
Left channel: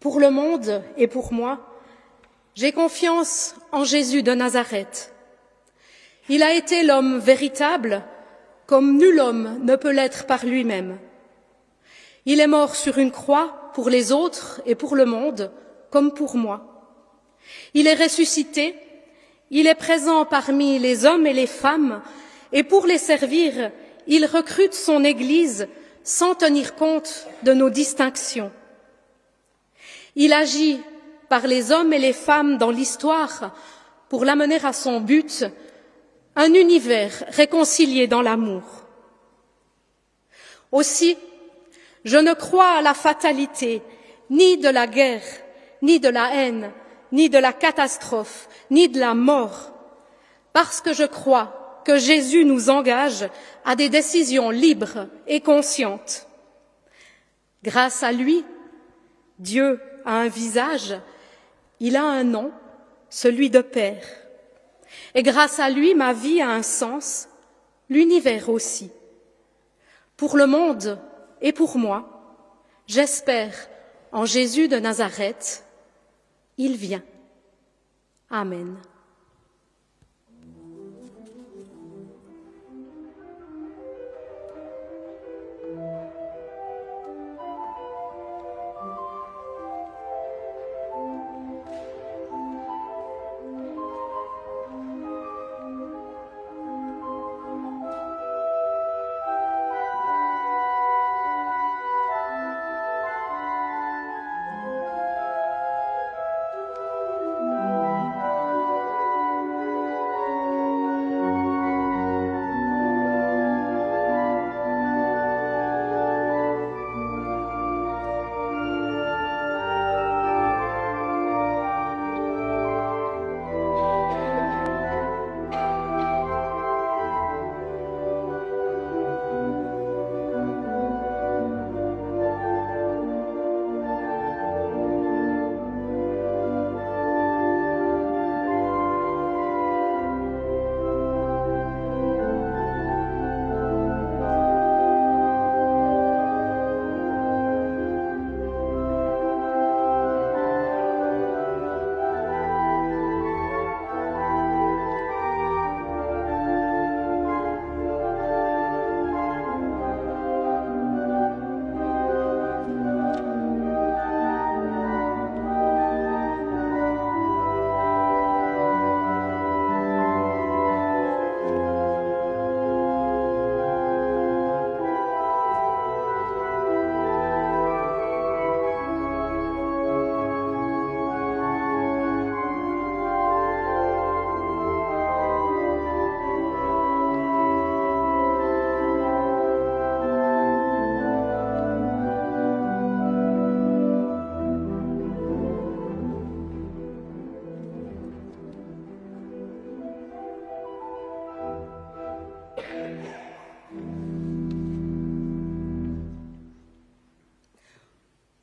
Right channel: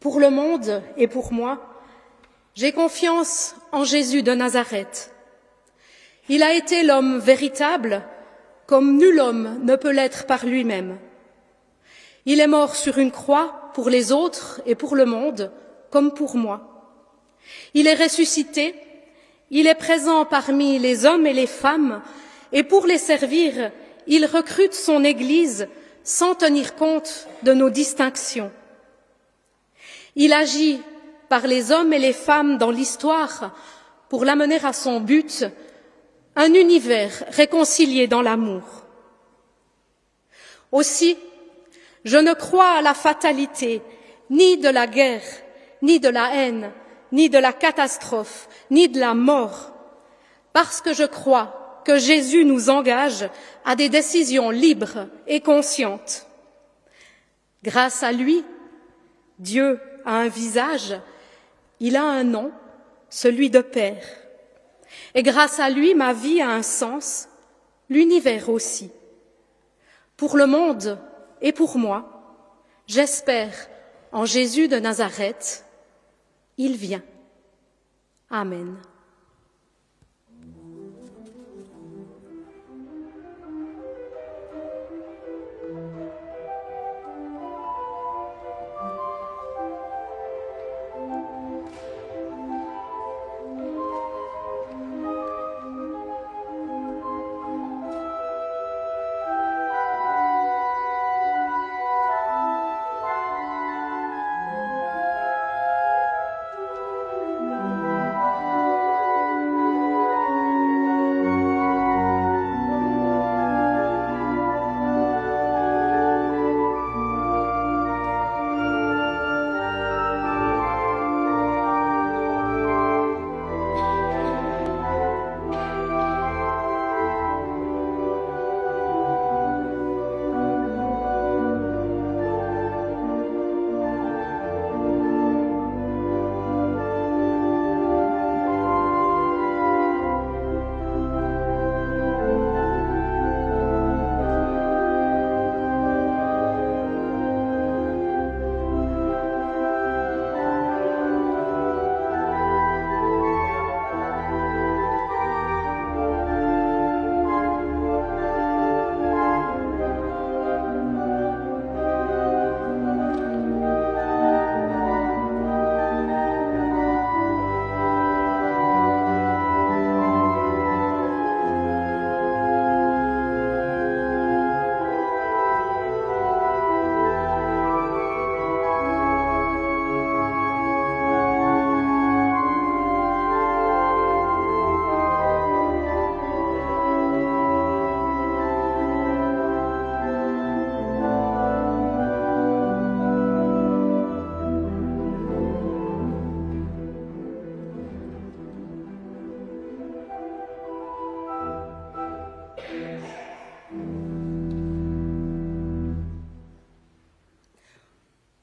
Pour le monde et pour moi, j'ai confiance en Jésus de Nazareth. Il a été l'homme véritable, comme nul homme ne peut l'être par lui-même. Il est mort sur une croix pour les autres et pour le monde, comme pour moi. Il est ressuscité, il est présent parmi les hommes et les femmes, et pour les servir, il recrute son Église sans tenir compte de nos distinctions. Il agit par les hommes et les femmes dans l'histoire pour l'amener à son but, un univers réconcilié dans l'amour. Aussi, je ne crois à la fatalité, ni de la guerre, ni de la haine, ni de la catastrophe, ni de la mort, parce que je crois que Jésus nous engage à des décisions libres et conscientes. Grâce à lui, Dieu a un visage, il a un nom, celui de Père. Et grâce à lui, ma vie a un sens, l'univers aussi. Pour le monde et pour moi, j'espère en Jésus de Nazareth, il vient. Amen.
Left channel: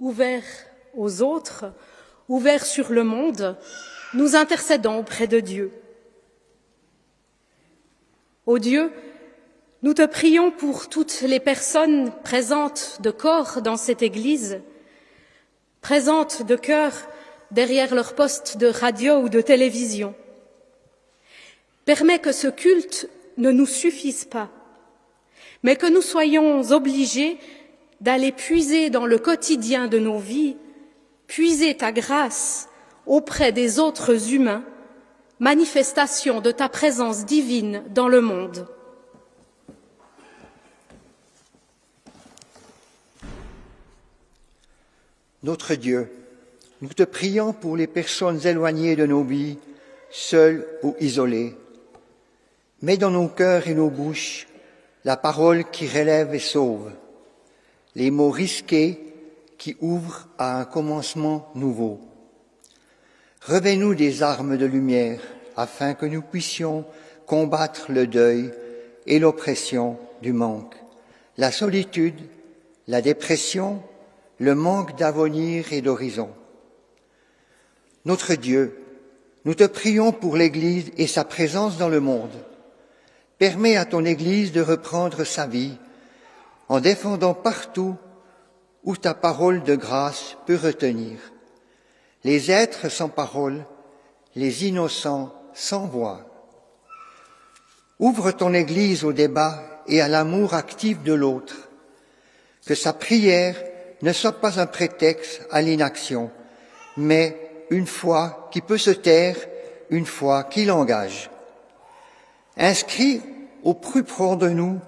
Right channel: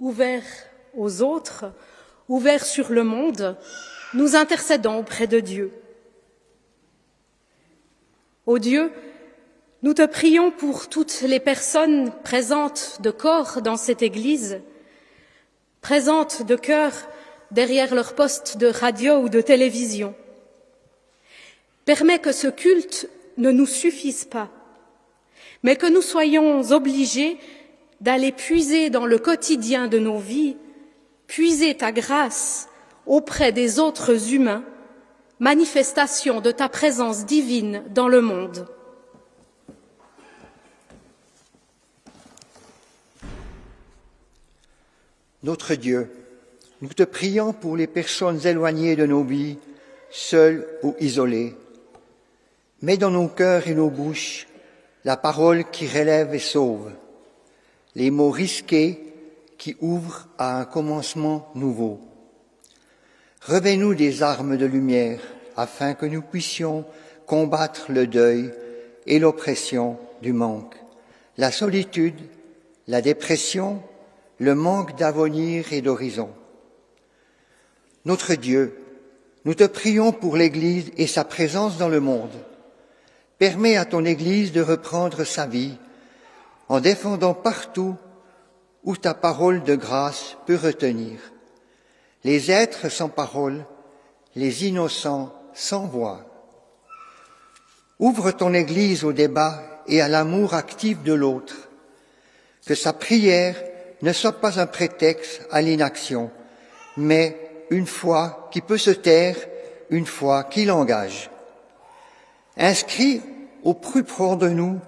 Ouverts aux autres, ouverts sur le monde, nous intercédons auprès de Dieu. Ô Dieu, nous te prions pour toutes les personnes présentes de corps dans cette Église, présentes de cœur derrière leur poste de radio ou de télévision. Permets que ce culte ne nous suffise pas, mais que nous soyons obligés d'aller puiser dans le quotidien de nos vies, puiser ta grâce auprès des autres humains, manifestation de ta présence divine dans le monde. Notre Dieu, nous te prions pour les personnes éloignées de nos vies, seules ou isolées. Mets dans nos cœurs et nos bouches la parole qui relève et sauve, les mots risqués qui ouvrent à un commencement nouveau. Revêt-nous des armes de lumière afin que nous puissions combattre le deuil et l'oppression du manque, la solitude, la dépression, le manque d'avenir et d'horizon. Notre Dieu, nous te prions pour l'Église et sa présence dans le monde. Permets à ton Église de reprendre sa vie en défendant partout où ta parole de grâce peut retenir. Les êtres sans parole, les innocents sans voix. Ouvre ton Église au débat et à l'amour actif de l'autre. Que sa prière ne soit pas un prétexte à l'inaction, mais une foi qui peut se taire, une foi qui l'engage. Inscrit au plus profond de nous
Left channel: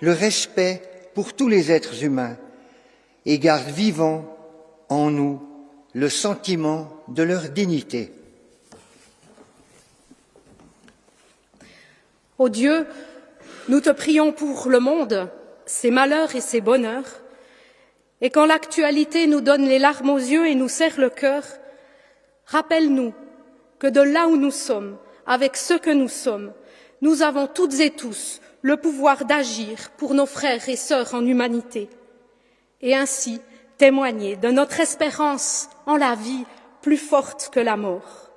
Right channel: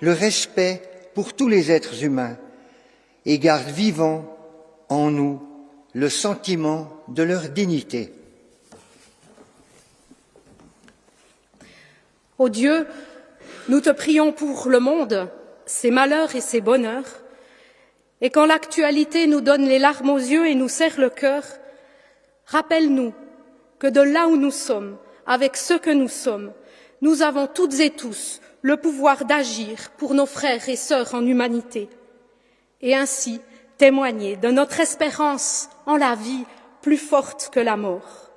le respect pour tous les êtres humains et garde vivant en nous le sentiment de leur dignité. Ô Dieu, nous te prions pour le monde, ses malheurs et ses bonheurs, et quand l'actualité nous donne les larmes aux yeux et nous serre le cœur, rappelle-nous que de là où nous sommes, avec ce que nous sommes, nous avons toutes et tous le pouvoir d'agir pour nos frères et sœurs en humanité, et ainsi témoigner de notre espérance en la vie plus forte que la mort.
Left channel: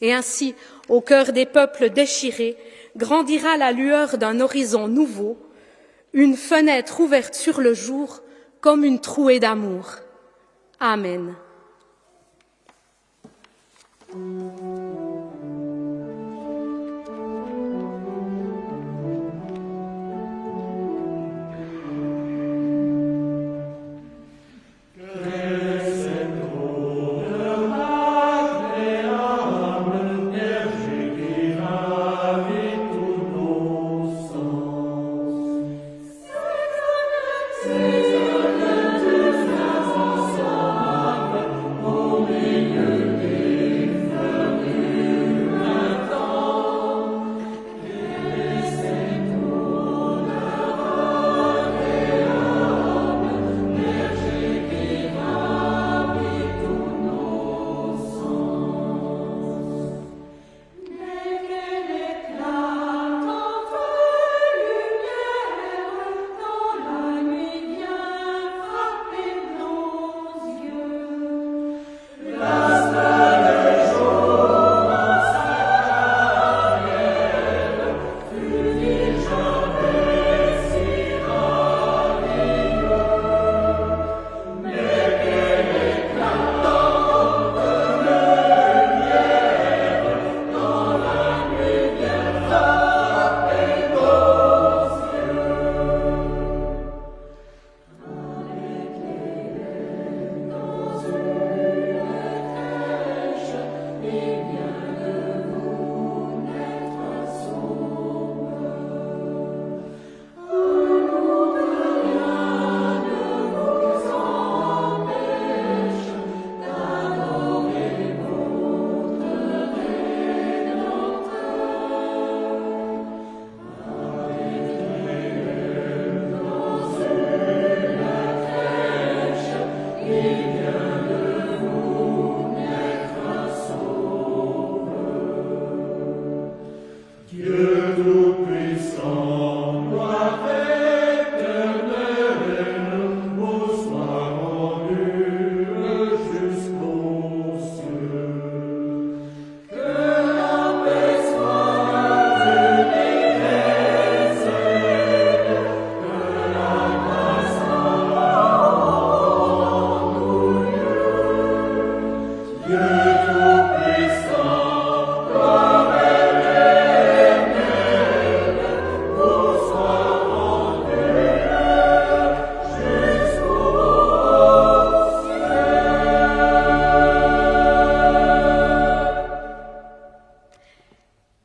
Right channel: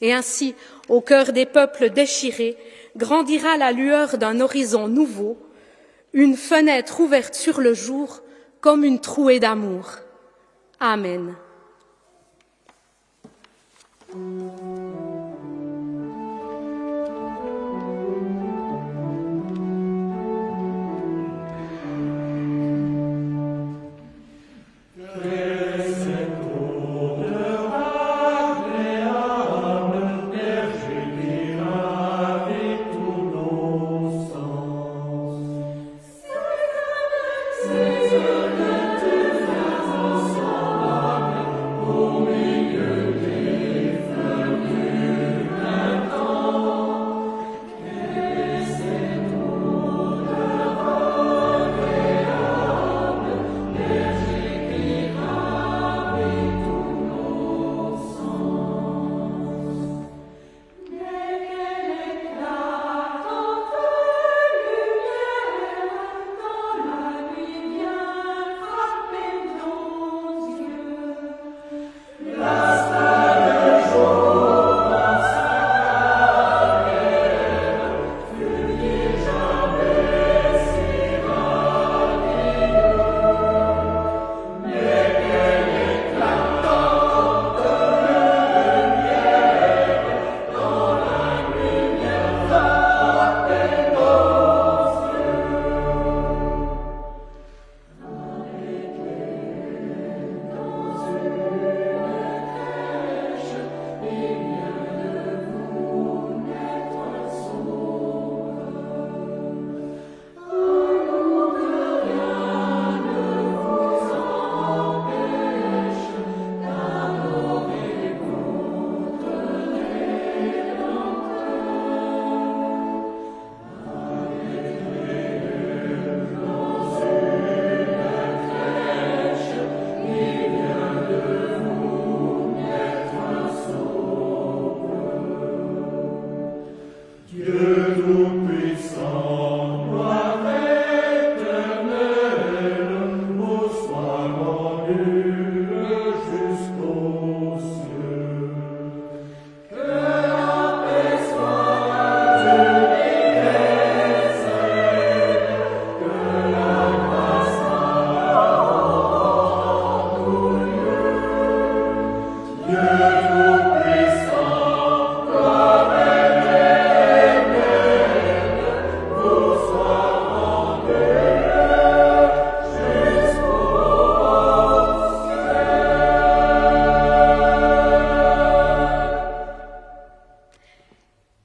Et ainsi, au cœur des peuples déchirés, grandira la lueur d'un horizon nouveau, une fenêtre ouverte sur le jour comme une trouée d'amour. Amen.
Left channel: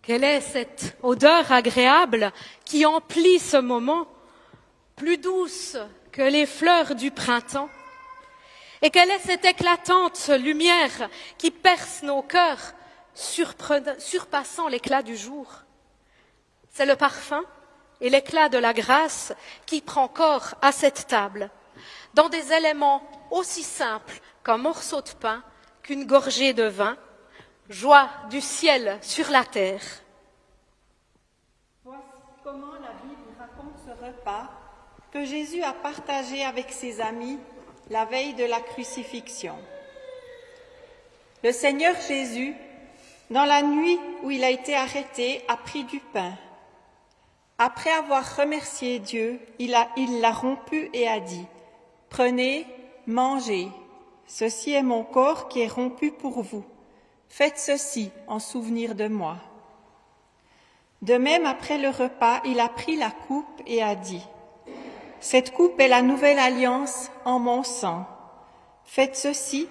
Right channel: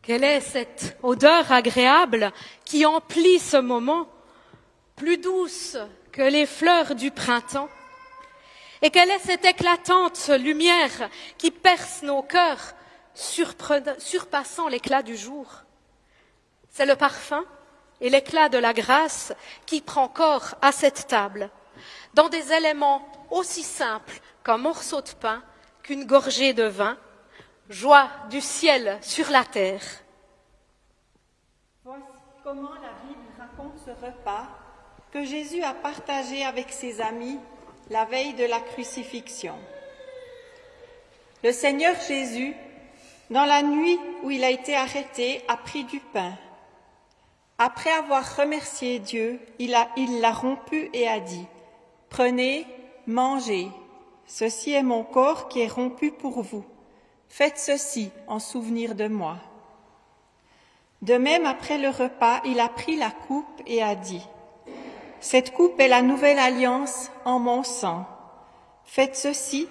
Quelle est cette odeur agréable qui emplit ce moment, plus douce que les fleurs du printemps? Et quelle est cette éclatante lumière qui perce nos cœurs, surpassant l'éclat du jour? C'est le parfum et l'éclat de la grâce qui prend corps à cette table, dans des éléments aussi simples qu'un morceau de pain, qu'une gorgée de vin, joie du ciel sur la terre. Voici comment la Bible raconte ce repas que Jésus a partagé avec ses amis la veille de la crucifixion. Le Seigneur Jésus, dans la nuit où il a été arrêté, a pris du pain. Après avoir remercié Dieu, il l'a rompu et a dit : « Prenez, mangez, ceci est mon corps qui est rompu pour vous. Faites ceci en souvenir de moi. » De même, après le repas, il a pris la coupe et a dit : « Cette coupe est la nouvelle alliance en mon sang. Faites ceci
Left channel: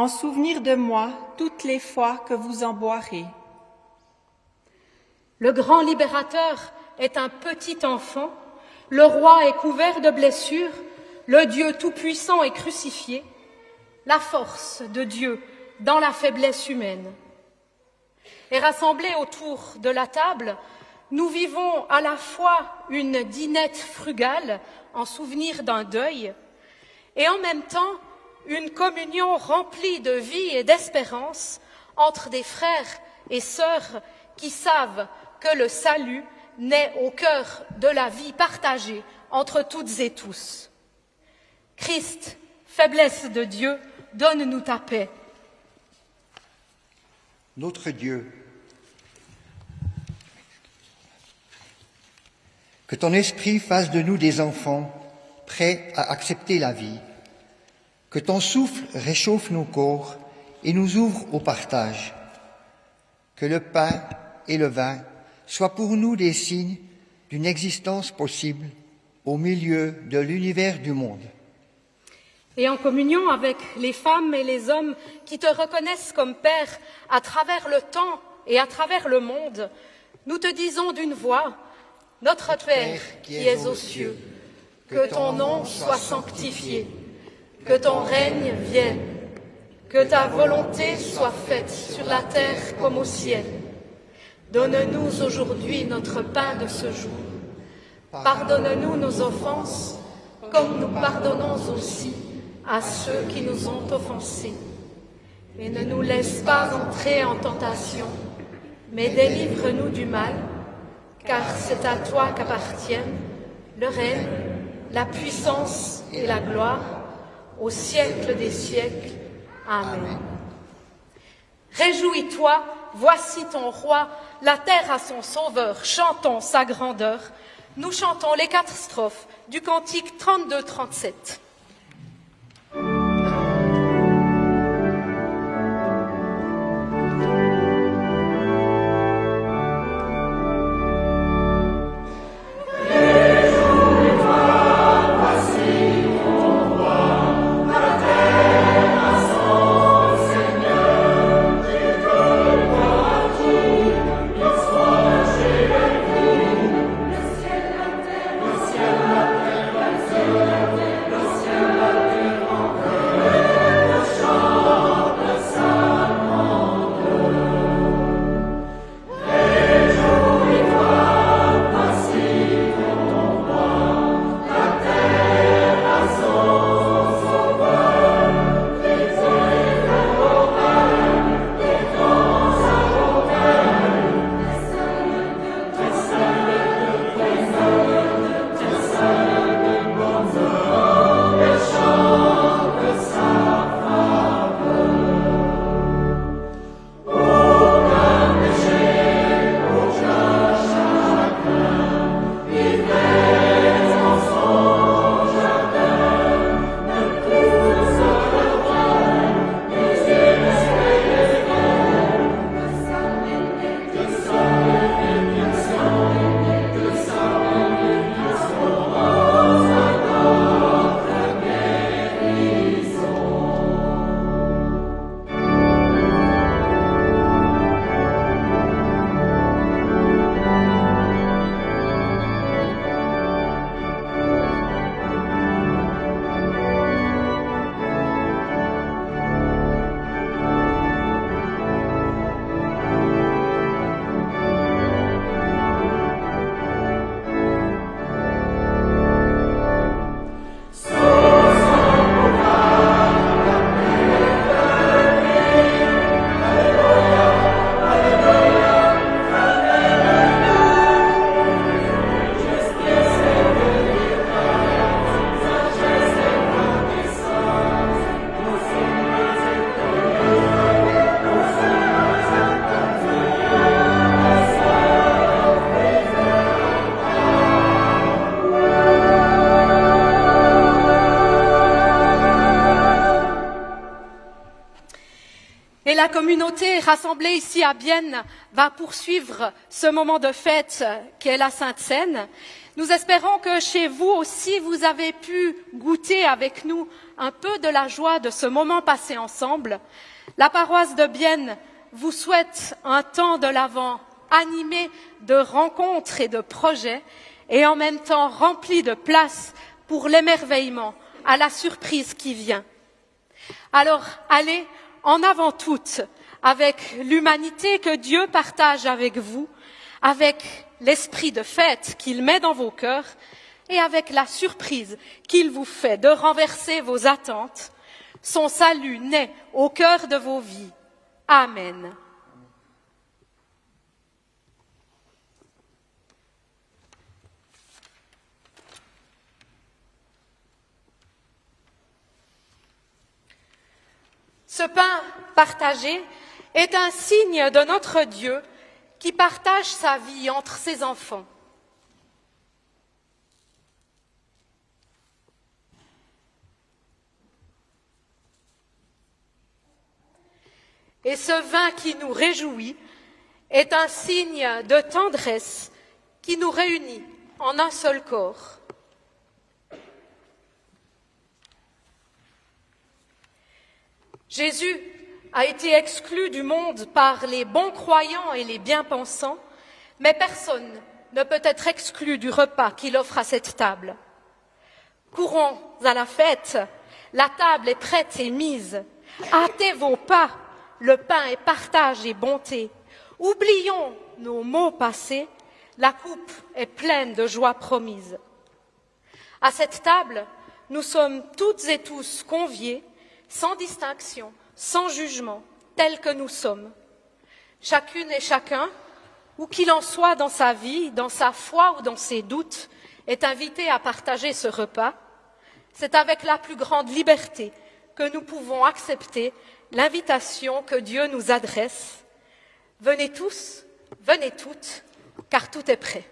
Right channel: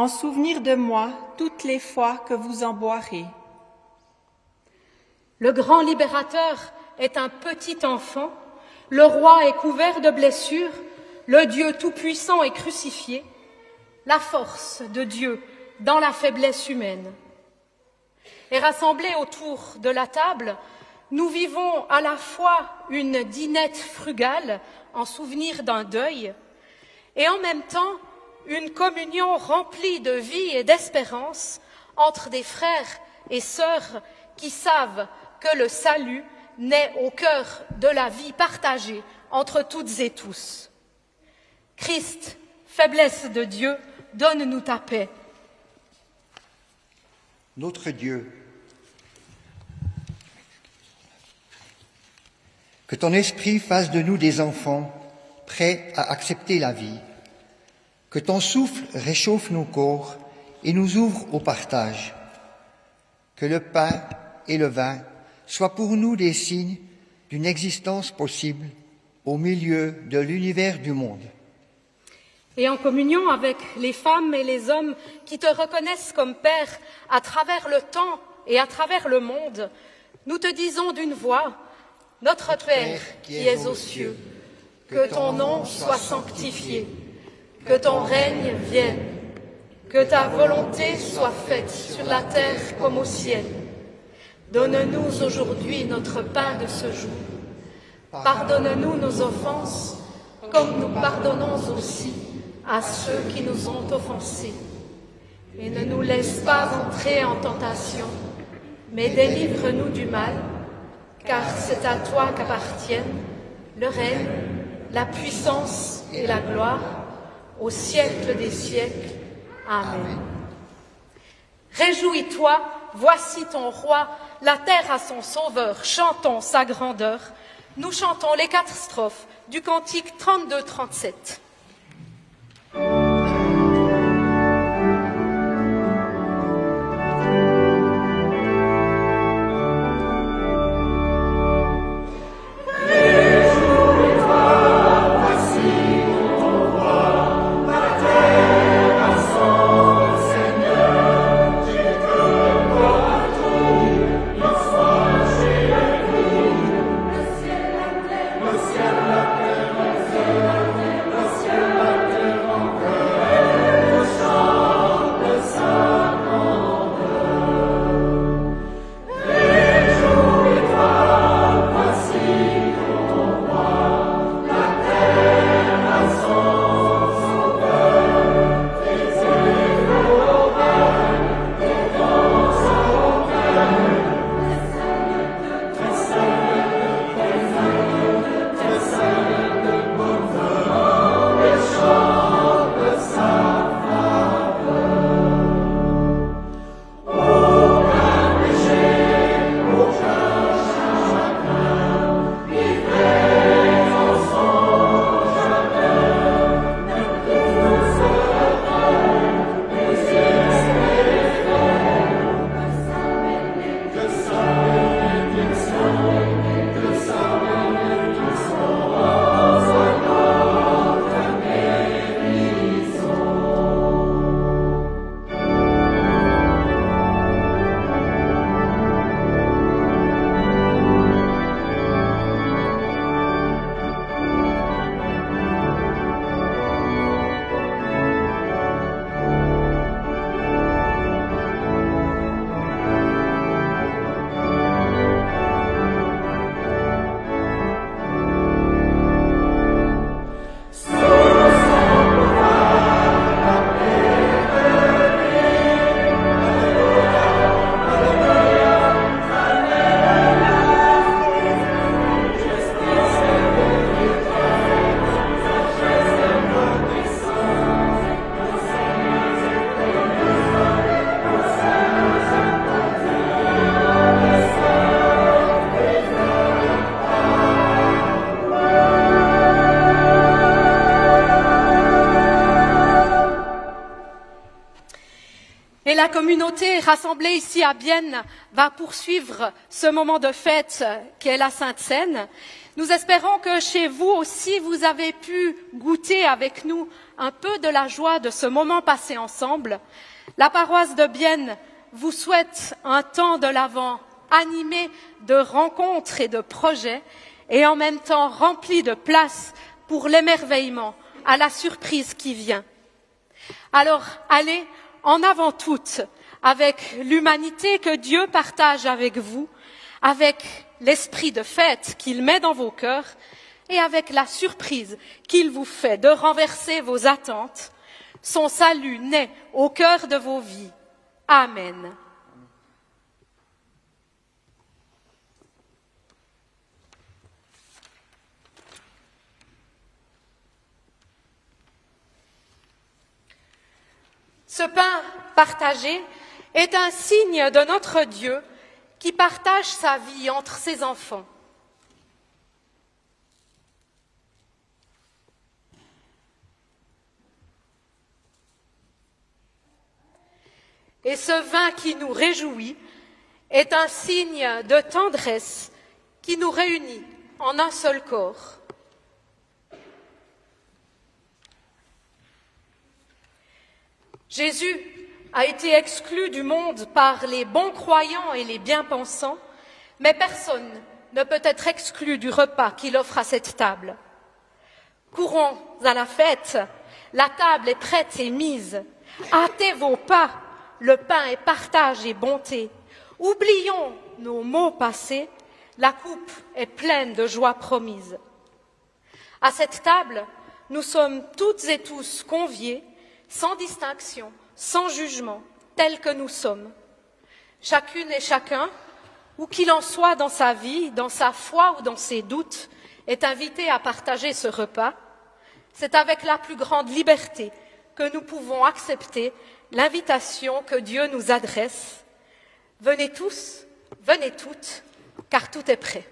en souvenir de moi toutes les fois que vous en boirez. Le grand libérateur est un petit enfant, le roi est couvert de blessures, le Dieu tout-puissant est crucifié, la force de Dieu dans la faiblesse humaine. Et rassemblés autour de la table, nous vivons à la fois une dînette frugale en souvenir d'un deuil et en même temps une communion remplie de vie et d'espérance entre des frères et sœurs qui savent que le salut naît au cœur de la vie partagée entre toutes et tous. Christ, faiblesse de Dieu, donne-nous ta paix. Notre Dieu, que ton esprit fasse de nous des enfants prêts à accepter la vie, que ton souffle réchauffe nos corps et nous ouvre au partage, que le pain et le vin soient pour nous des signes d'une existence possible au milieu de l'univers du monde. Et en communion avec les femmes et les hommes qui te reconnaissent comme Père à travers le temps et à travers le monde, nous te disons d'une voix, Notre Père qui es aux cieux, que ton nom soit sanctifié, que ton règne vienne, que ta volonté soit faite sur la terre comme au ciel. Donne-nous aujourd'hui notre pain de ce jour. Pardonne-nous nos offenses, comme nous pardonnons aussi à ceux qui nous ont offensés. Et ne nous laisse pas entrer en tentation, mais délivre-nous du mal, car c'est à toi qu'appartiennent le règne, la puissance et la gloire, au siècle des siècles. Amen. Réjouis-toi, voici ton roi, la terre a son sauveur, chantons sa grandeur. Nous chantons les 4 strophes du cantique 32-37. Le ciel, la terre, la communauté rassemblée ici à Bienne va poursuivre ce moment de fête qu'est la Sainte Seine, nous espérons que chez vous aussi, vous avez pu goûter avec nous un peu de la joie de ce moment passé ensemble. La paroisse de Bienne vous souhaite un temps de l'Avent animé de rencontres et de projets et en même temps rempli de place pour l'émerveillement à la surprise qui vient. Alors, allez en avant toutes, avec l'humanité que Dieu partage avec vous, avec l'esprit de fête qu'il met dans vos cœurs et avec la surprise qu'il vous fait de renverser vos attentes. Son salut naît au cœur de vos vies. Amen. Ce pain partagé est un signe de notre Dieu qui partage sa vie entre ses enfants. Et ce vin qui nous réjouit est un signe de tendresse qui nous réunit en un seul corps. Jésus a été exclu du monde par les bons croyants et les bien-pensants, mais personne ne peut être exclu du repas qu'il offre à cette table. Courons à la fête, la table est prête et mise. Hâtez vos pas, le pain est partage et bonté. Oublions nos maux passés, la coupe est pleine de joie promise. À cette table, nous sommes toutes et tous conviés, sans distinction, sans jugement, tels que nous sommes. Chacune et chacun, où qu'il en soit dans sa vie, dans sa foi ou dans ses doutes, est invité à partager ce repas. C'est avec la plus grande liberté que nous pouvons accepter l'invitation que Dieu nous adresse. Venez tous, venez toutes, car tout est prêt.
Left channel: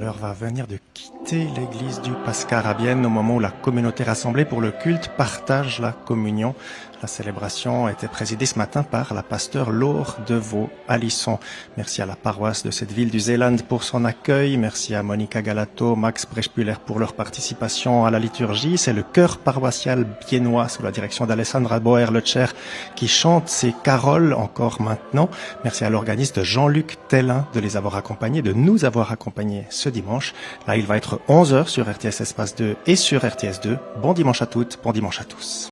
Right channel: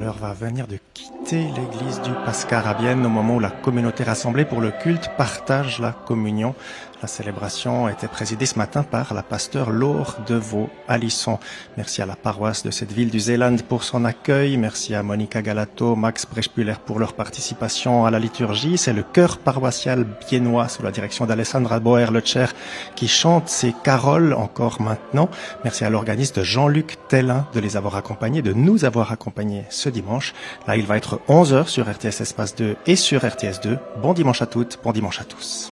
L'heure va venir de quitter l'église du Pascar à Bienne au moment où la communauté rassemblée pour le culte partage la communion. La célébration a été présidée ce matin par la pasteure Laure Devaux-Alisson. Merci à la paroisse de cette ville du Zéland pour son accueil. Merci à Monica Galato, Max Brechbuller pour leur participation à la liturgie. C'est le chœur paroissial biennois sous la direction d'Alessandra Boer-Lecher qui chante ces caroles encore maintenant. Merci à l'organiste Jean-Luc Tellin de les avoir accompagnés, de nous avoir accompagnés ce dimanche. Là, il va être 11h sur RTS Espace 2 et sur RTS 2. Bon dimanche à toutes, bon dimanche à tous.